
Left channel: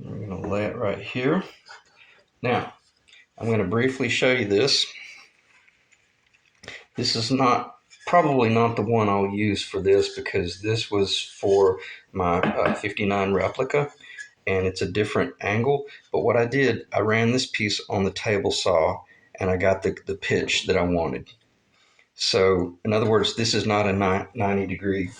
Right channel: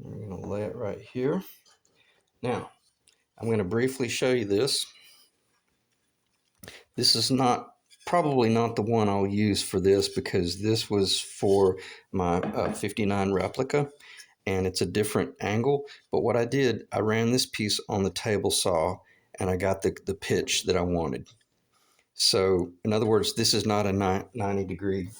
We're going to lay it right here. Now, I'm going to briefly show you this. This is probably not the one I'll use for this, because this was for my 59 replica, and it's a different angle. But what I did, I ran this piece on the table saw, and I got the pitch that I wanted. So, in other words, this is not a 90 degree.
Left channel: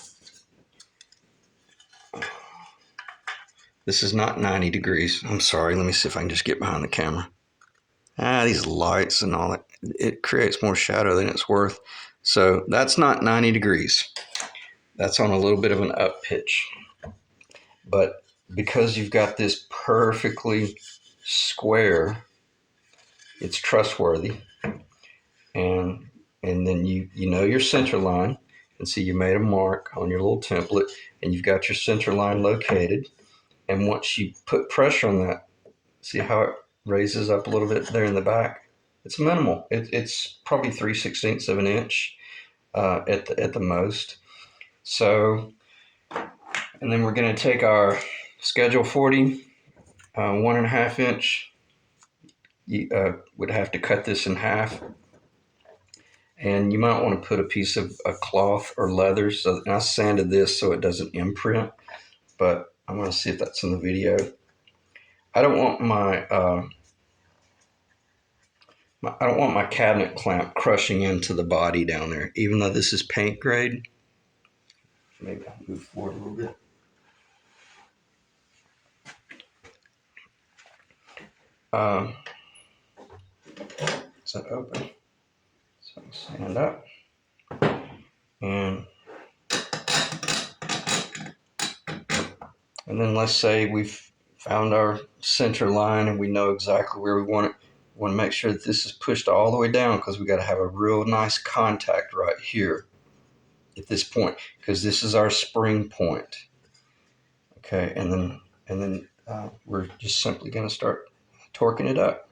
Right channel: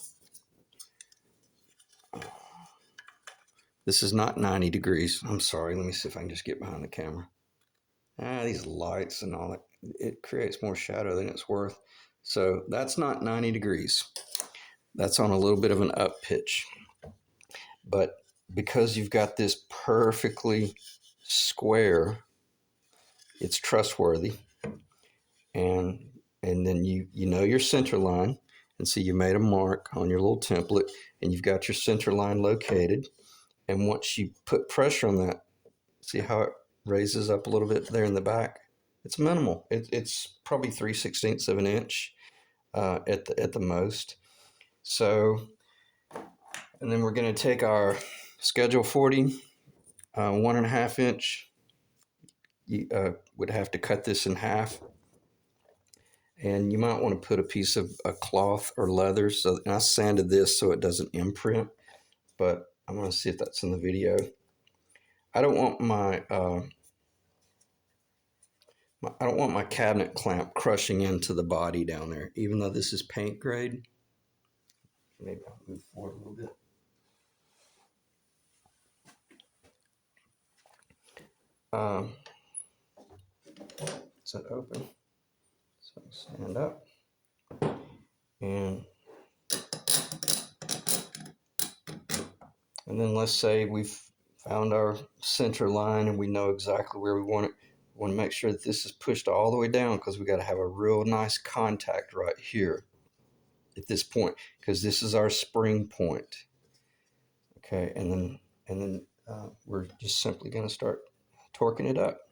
This is not 90 degrees. I'm sorry. Let me see if I can just get behind the camera. These lights and all that, it creates more shadow than it's worth. So that's not 90 degrees. That's on a little bit of an up pitch. But because you've got this perfectly square, it's trustworthy. And then you know your center line. And see, you made a mark on your little template, and you've got your center line located. And once you put pressure on that, see how it raises up a little bit there in the back? It's minimal. It's probably 3/16 of an inch at the most. So, and then we're going to take our Schedule 40, 1.5 inch. You would have to cut this in half. And you might want to put a piece of a cloth or leather. So, and I sanded this so it doesn't imprint, but I'm going to see if that's in the video. I don't want my cabinet clamp crushing into the body down there, even though this is paint grade. Maybe I'll move forward a little bit. Is that open? So stand up. And then let's say we've found our center line and we know exactly where we want it. We want to make sure that this is pushed all the way down, because we got to have a real nice contact right here at this point, because this is our spring point. Okay, and then we're just simply going to start torquing it up.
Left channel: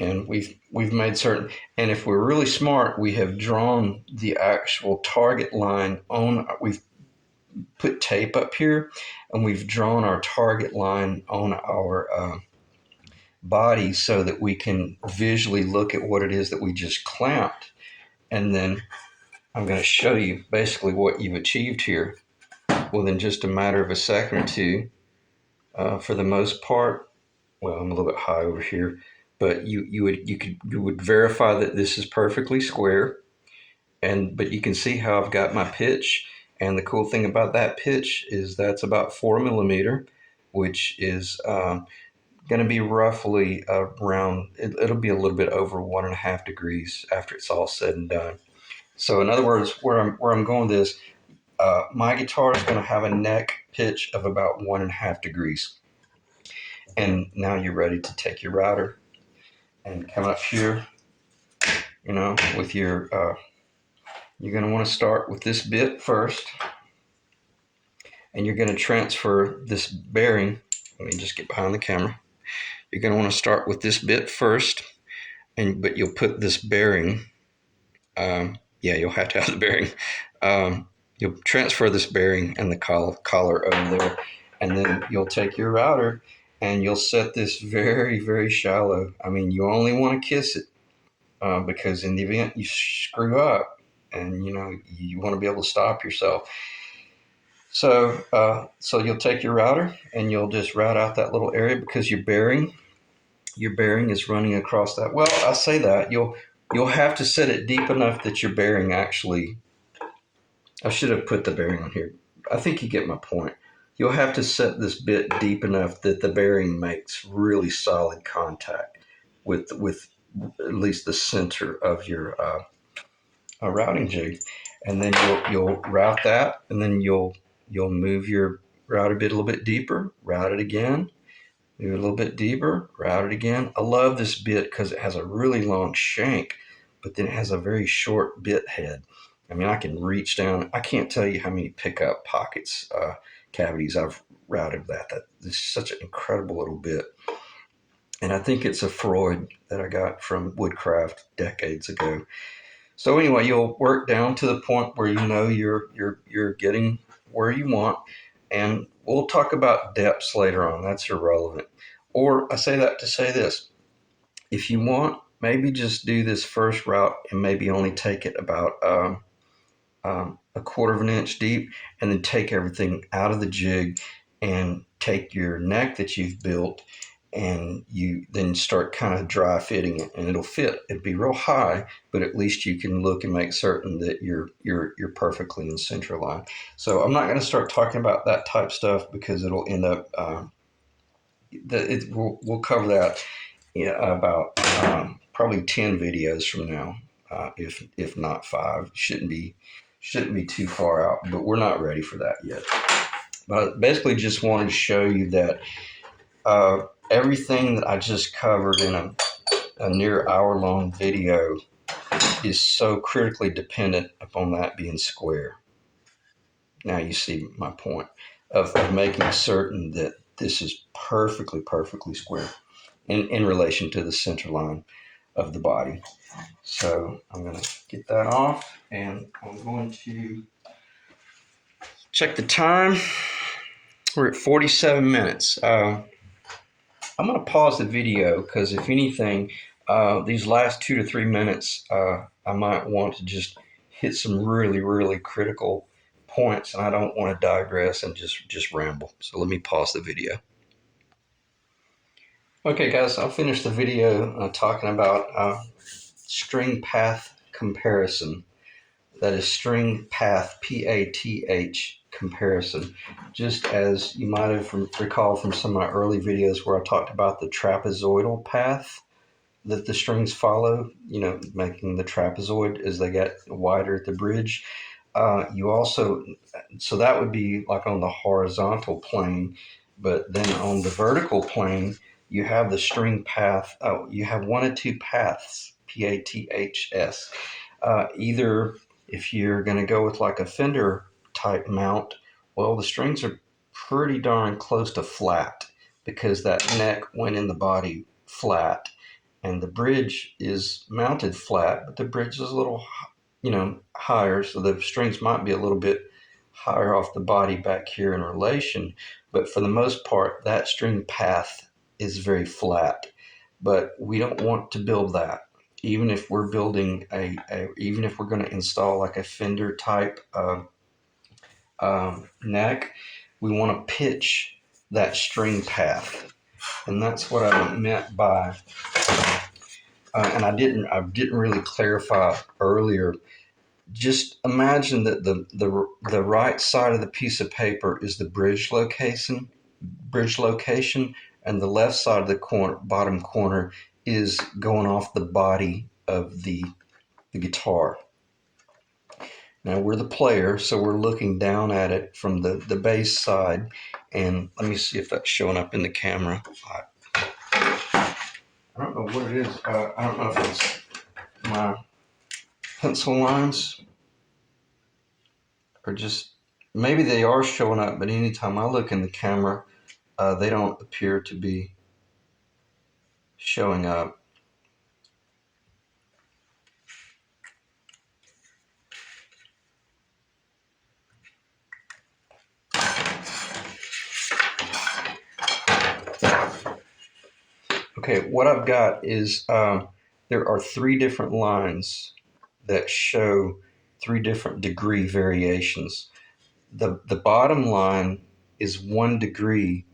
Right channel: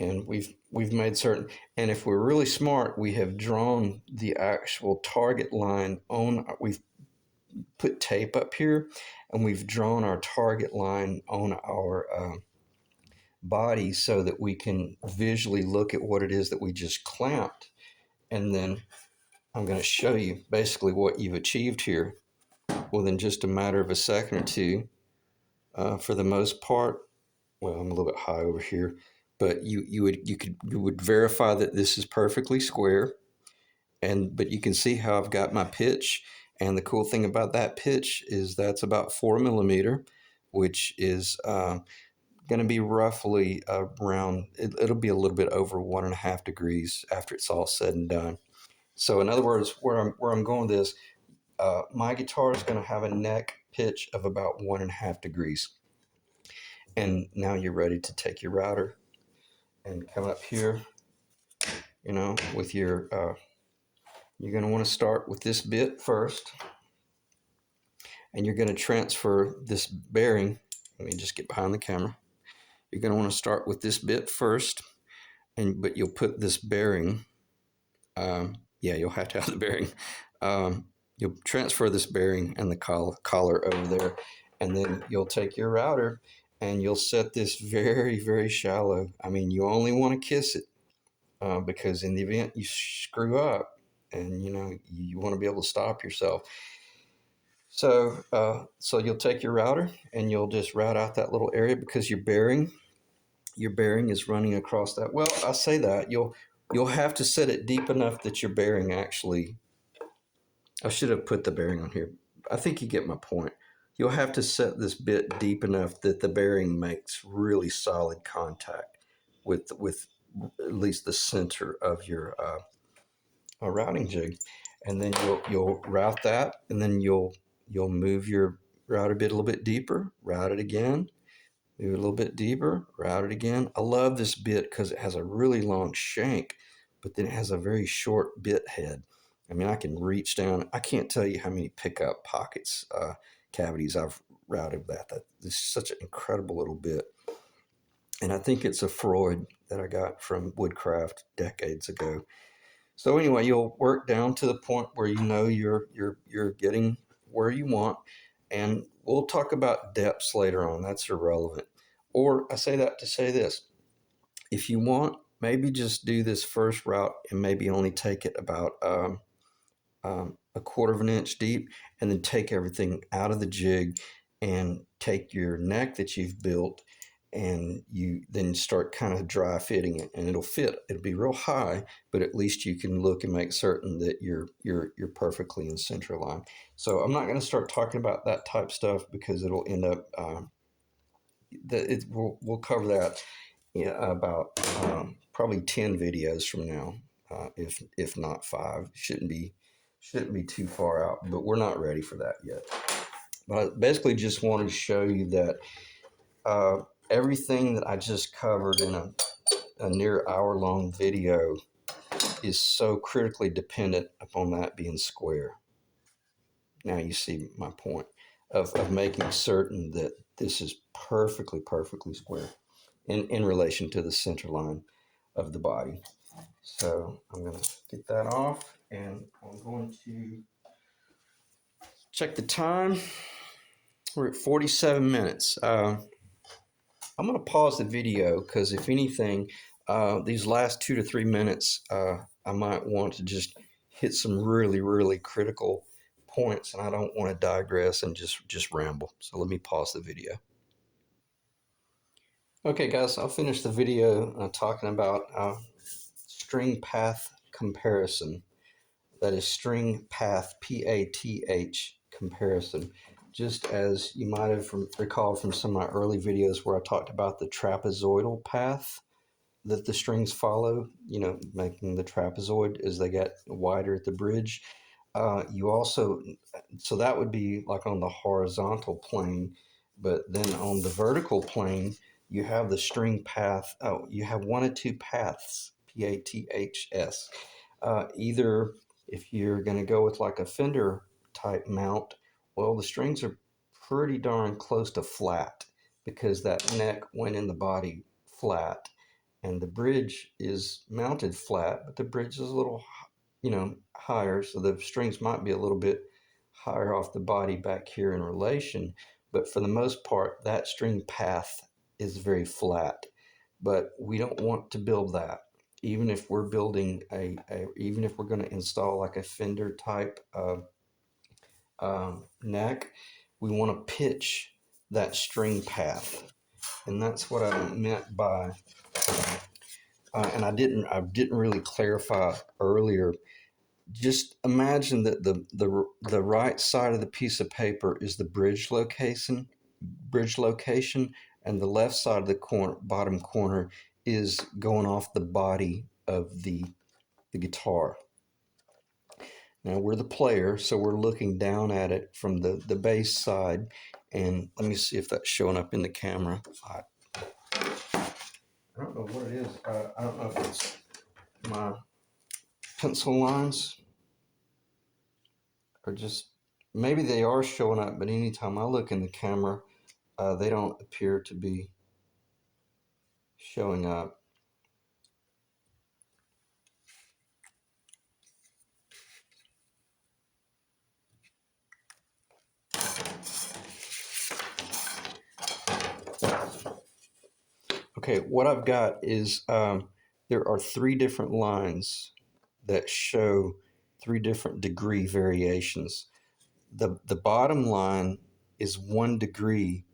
And we've made certain, and if we're really smart, we have drawn the actual target line on. We've put tape up here, and we've drawn our target line on our body so that we can visually look at what it is that we just clamped. And then I'm going to show you basically what you've achieved here within just a matter of a second or two. For the most part, well, I'm a little bit high over here, but you would verify that this is perfectly square, but you can see how I've got my pitch. And the cool thing about that pitch is that's about 4 millimeter, which is going to be roughly around, it'll be a little bit over 1.5 degrees after it's all said and done. So in other words, where I'm going with this, my guitar is going to have a neck pitch of about 1.5 degrees. And now you're ready to take your router and come up here, with your, you're going to want to start with this bit first, and you're going to transfer this bearing. Let me just get behind the camera. You're going to want to start with this bit first, but you'll put this bearing, you'll have to have the bearing. You'll transfer this bearing and the collar over there, and then you'll take your router and you'll set this very, very shallow. I mean, you only want to kiss it because in the event you screw up, and you want to be able to stop yourself. So you'll take your router and you'll just route out that little area, because your bearing is running across that. Well, I say that you'll have to set it deep enough that your bearing actually. I should have put the bearing on here. I think you get my point. You'll have to set this bit deep enough that the bearing makes really solid contact with at least the center of your routing jig, and then you'll route that, and then you'll move your router bit a little bit deeper, route it again, move it a little bit deeper, route it again. I love this bit because it has a really long shank, but then it has a very short bit head. I mean, I can reach down. I can't tell you how many pickup pockets, cavities I've routed that. This is such an incredible little bit. And I think it's a Freud that I got from Woodcraft decades ago. So anyway, you'll work down to the point where you're getting where you want, and we'll talk about depths later on. That's irrelevant. Or I say that to say this: if you want, maybe just do this first route and maybe only take it about 1/4 of an inch deep, and then take everything out of the jig and take your neck that you've built, and you then start kind of dry fitting it, and it'll fit. It'll be real high, but at least you can look and make certain that you're perfectly in center line. So I'm not going to start talking about that type stuff, because it'll end up we'll cover that about probably 10 videos from now, if not 5. Shouldn't be too far out, but we're not ready for that yet. But I basically just wanted to show you that everything that I just covered in a near hour-long video is so critically dependent upon that being square. Now you see my point of making certain that this is perfectly square in relation to the center line of the body. So I'm going to get that off, and I'm going to check the time. We're at 47 minutes. I'm going to pause the video, because if anything, these last 2 to 3 minutes, I might want to just hit some really, really critical points, and I don't want to digress and just ramble. So let me pause the video. Okay, guys, I'll finish the video talking about string path comparison. That is string path, PATH comparison. Just as you might have recalled from some of my early videos where I talked about the trapezoidal path that the strings follow, making the trapezoid as they get wider at the bridge. So that would be like on the horizontal plane, but then on the vertical plane, you have the string path. You have one of two paths, PATHS. Either if you're going to go with like a Fender type mount, well, the strings are pretty darn close to flat, because that neck went in the body flat, and the bridge is mounted flat, but the bridge is a little, higher, so the strings might be a little bit higher off the body back here in relation. But for the most part, that string path is very flat. But we don't want to build that. Even if we're building even if we're going to install like a Fender type neck, we want to pitch that string path, and that's what I meant by. And I didn't really clarify earlier. Just imagine that the right side of the piece of paper is the bridge location, and the left side of the bottom corner is going off the body of the guitar. Now we're the player, so we're looking down at it from the base side. And let me see if that's showing up in the camera. I don't know what it is. I don't know if it's my pencil lines or just maybe they are showing up, but anytime I look in the camera, they don't appear to be showing up. Okay, what I've got is there are 3 different lines that show 3 different degree variations. The bottom line is 1 degree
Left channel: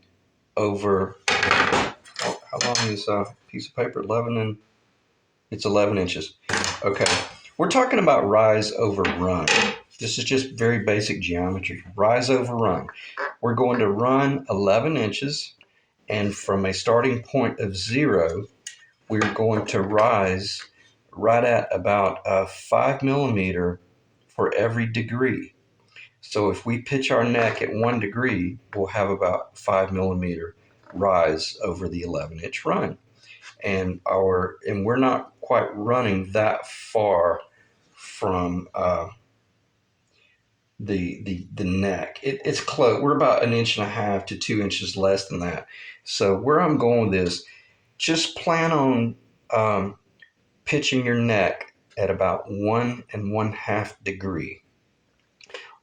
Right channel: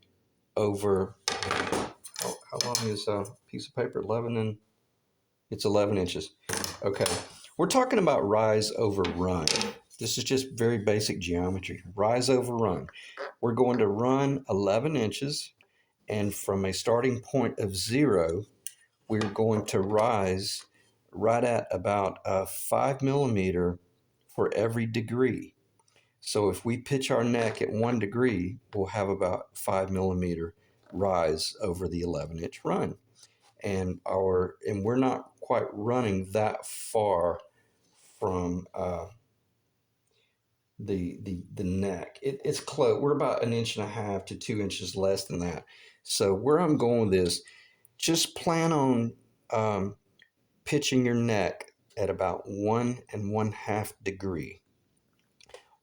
over, how long is a piece of paper? 11 and it's 11 inches. Okay, we're talking about rise over run. This is just very basic geometry. Rise over run. We're going to run 11 inches, and from a starting point of 0, we're going to rise right at about 5 millimeter for every degree. So if we pitch our neck at 1 degree, we'll have about 5 millimeter rise over the 11-inch run. And we're not quite running that far from the neck. It's close. We're about 1.5 to 2 inches less than that. So where I'm going with this, just plan on pitching your neck at about 1 1/2 degree,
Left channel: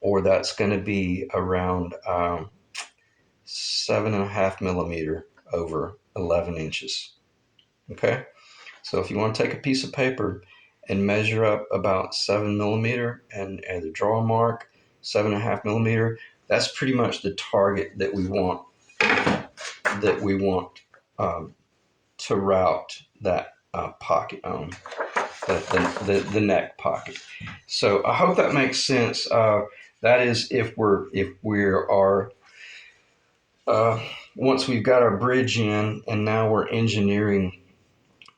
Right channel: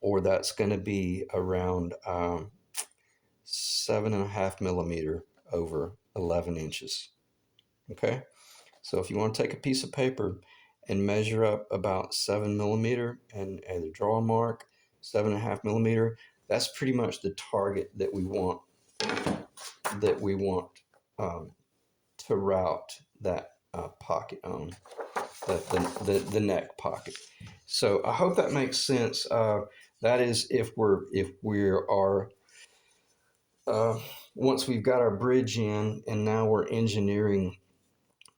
or that's going to be around 7.5 millimeter over 11 inches. Okay, so if you want to take a piece of paper and measure up about 7 millimeter and the draw mark 7.5 millimeter, that's pretty much the target that we want um, to route that pocket on. The neck pocket. So I hope that makes sense. That is if we are once we've got our bridge in, and now we're engineering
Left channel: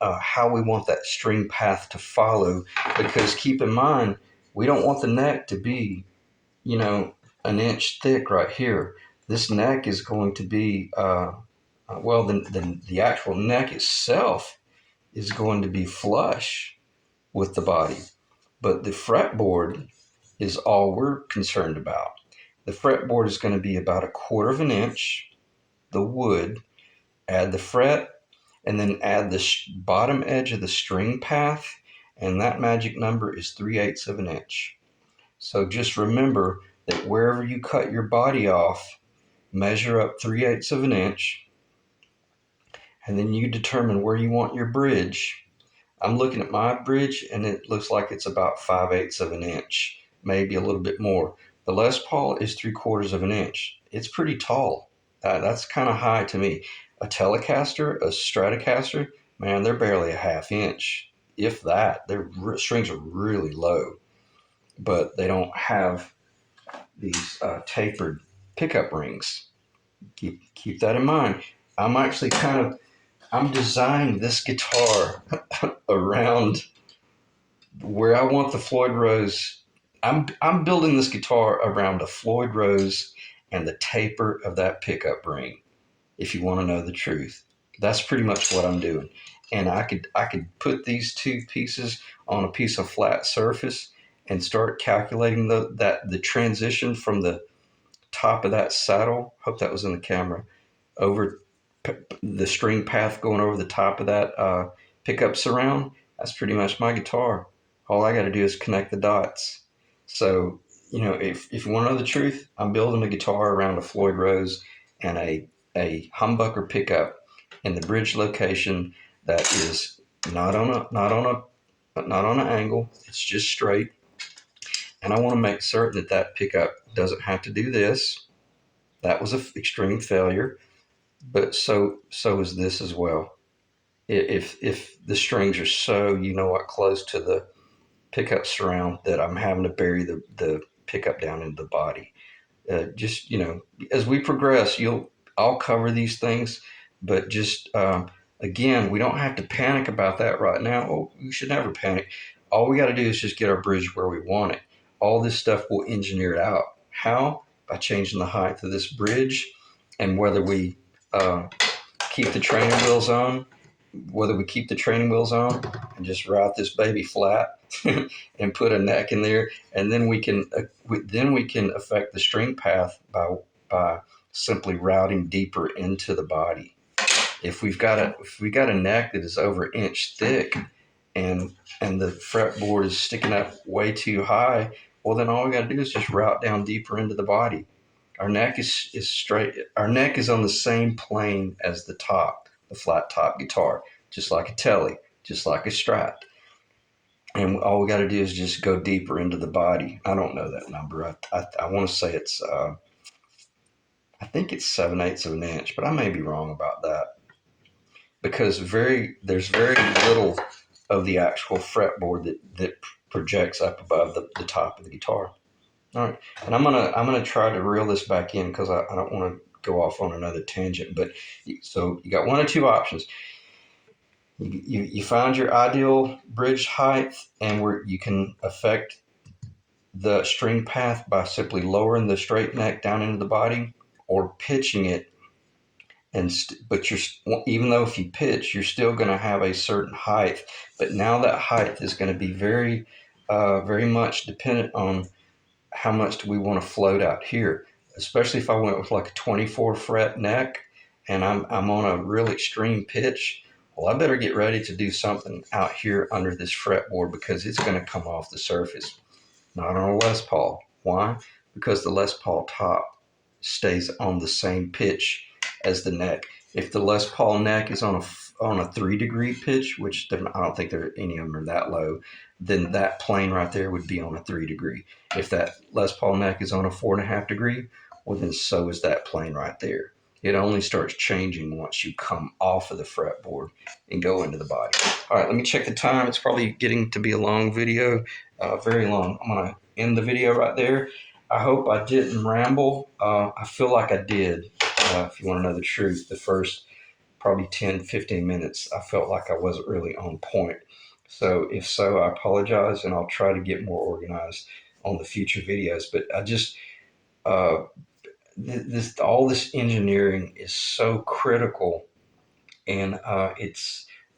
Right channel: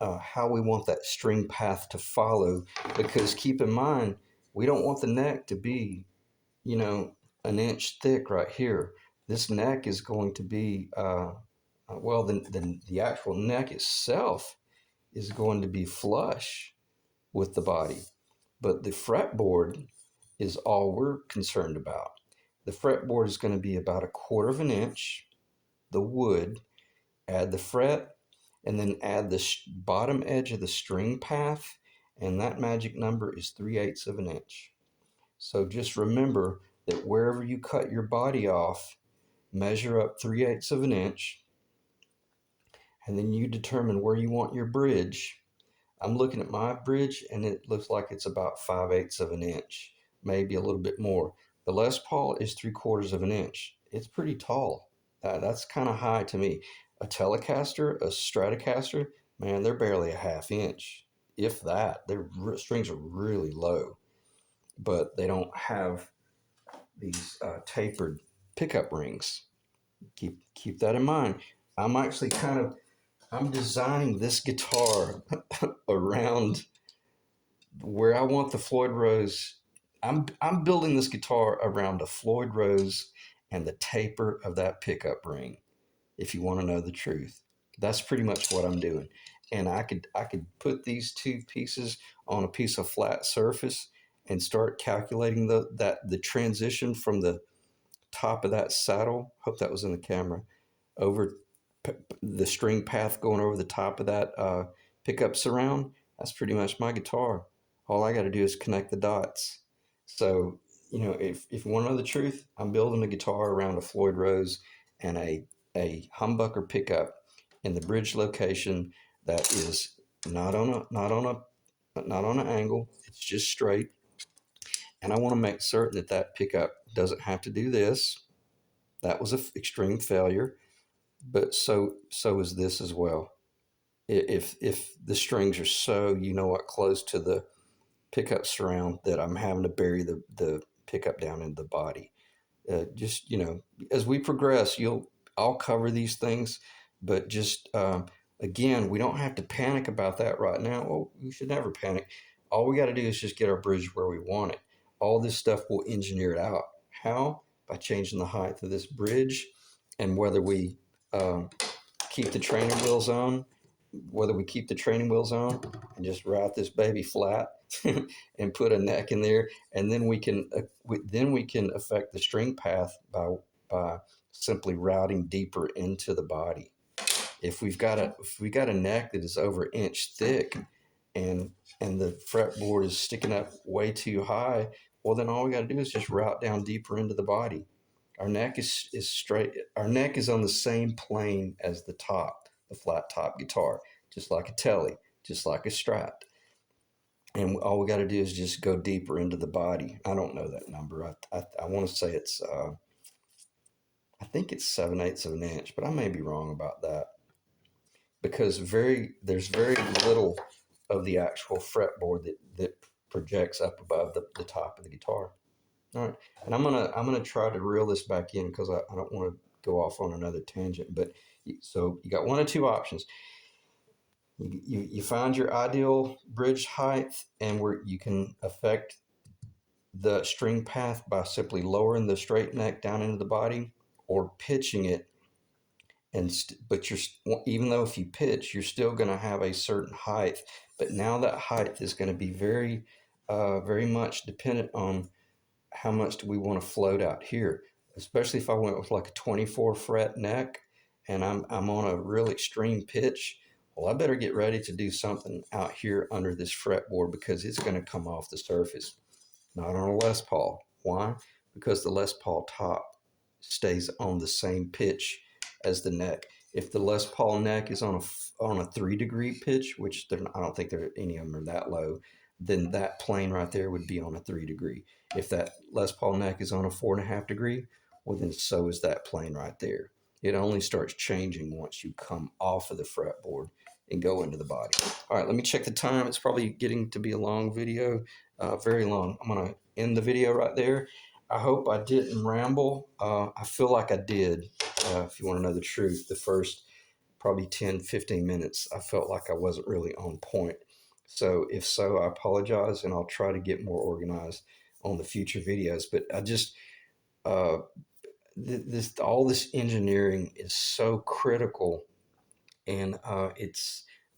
how we want that string path to follow. Because keep in mind, we don't want the neck to be, 1 inch thick right here. This neck is going to be well, the actual neck itself is going to be flush with the body. But the fretboard is all we're concerned about. The fretboard is going to be about 1/4 inch, the wood, add the fret, and then add the bottom edge of the string path, and that magic number is 3/8 of an inch. So just remember that wherever you cut your body off, measure up 3/8 of an inch, and then you determine where you want your bridge. I'm looking at my bridge, and it looks like it's about 5/8 of an inch, maybe a little bit more. The Les Paul is 3/4 of an inch. It's pretty tall. That's kind of high to me. A Telecaster, a Stratocaster, man, they're barely a 1/2 inch, if that. Their strings are really low, but they don't have these tapered pickup rings. Keep that in mind. I'm actually I'm designing this guitar around where I want the Floyd Rose. I'm building this guitar around a Floyd Rose and the taper of that pickup ring. If you want to know the truth, that's pretty much what I'm doing. And I could put these 2 pieces on a piece of flat surface and start calculating the transition from the top of that saddle. Hope that was in the camera. Over the string path going over the top of that pickup surround. That's pretty much my guitar. All I got to do is connect the dots. So, if you want to know the truth, I'm building a guitar around a Floyd Rose and a humbucker pickup in the bridge location that is not on an angle. It's just straight. And I want to make certain that pickup doesn't have to do this. That was an extreme failure, but so is this as well. If the strings are so close to the pickup surround that I'm having to bury the pickup down into the body. Just as we progress, I'll cover these things, but just again, we don't have to panic about that right now. Oh, we should never panic. All we got to do is just get our bridge where we want it. all this stuff we'll engineer it out. How? By changing the height of this bridge, and whether we keep the training wheels on, and just route this baby flat and put a neck in there, and then we can affect the string path by simply routing deeper into the body. If we've got a neck that is over an inch thick, and the fretboard is sticking up way too high, well, then all we got to do is just route down deeper into the body. Our neck is straight. Our neck is on the same plane as the top, the flat top guitar, just like a telly, just like a Strat. And all we got to do is just go deeper into the body. I don't know that number. I want to say it's I think it's 7/8 of an inch, but I may be wrong about that, because there's very little of the actual fretboard that projects up above the top of the guitar. All right, and I'm gonna try to reel this back in because I don't want to go off on another tangent. But so you got one of two options. You find your ideal bridge height, and where you can affect the string path by simply lowering the straight neck down into the body, or pitching it. But even though if you pitch, you're still going to have a certain height. But now that height is going to be very much dependent on how much do we want to float out here. Especially if I went with like a 24 fret neck, and I'm on a real extreme pitch. Well, I better get ready to do something out here under this fretboard, because it's going to come off the surface. Not on a Les Paul. Why? Because the Les Paul top stays on the same pitch as the neck. If the Les Paul neck is on a 3-degree pitch, which I don't think any of them are that low, then that plane right there would be on a 3-degree. If that Les Paul neck is on a 4.5-degree, well, then so is that plane right there. It only starts changing once you come off of the fretboard and go into the body. All right, let me check the time. It's probably getting to be a long video, very long. I'm going to end the video right there. I hope I didn't ramble. I feel like I did. If you want to know the truth, the first probably 10-15 minutes, I felt like I wasn't really on point. So if so, I apologize, and I'll try to get more organized on the future videos. But I just all this engineering is so critical, and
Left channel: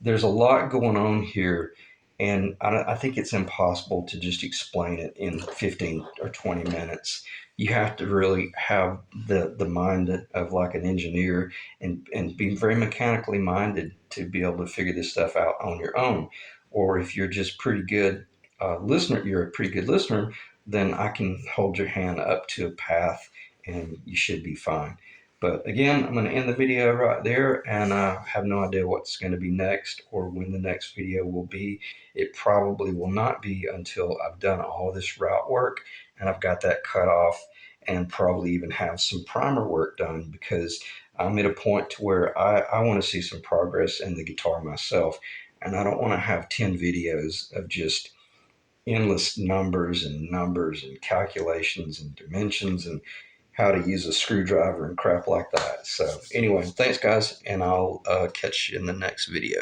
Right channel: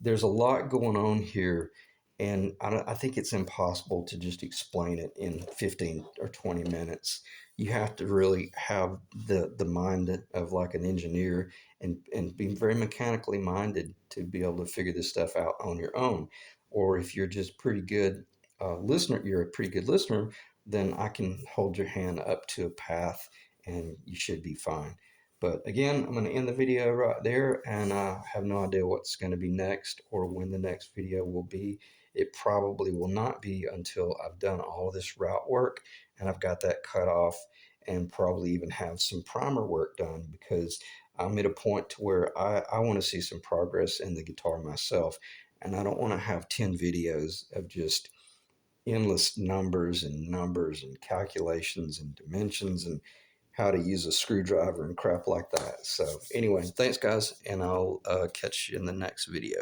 there's a lot going on here, and I think it's impossible to just explain it in 15 or 20 minutes. You have to really have the mind of like an engineer, and be very mechanically minded to be able to figure this stuff out on your own. Or if you're just pretty good you're a pretty good listener, then I can hold your hand up to a path, and you should be fine. But again, I'm going to end the video right there, and I have no idea what's going to be next or when the next video will be. It probably will not be until I've done all this route work and I've got that cut off, and probably even have some primer work done, because I'm at a point to where I want to see some progress in the guitar myself, and I don't want to have 10 videos of just endless numbers and calculations and dimensions and how to use a screwdriver and crap like that. So anyway, thanks guys, and I'll catch you in the next video.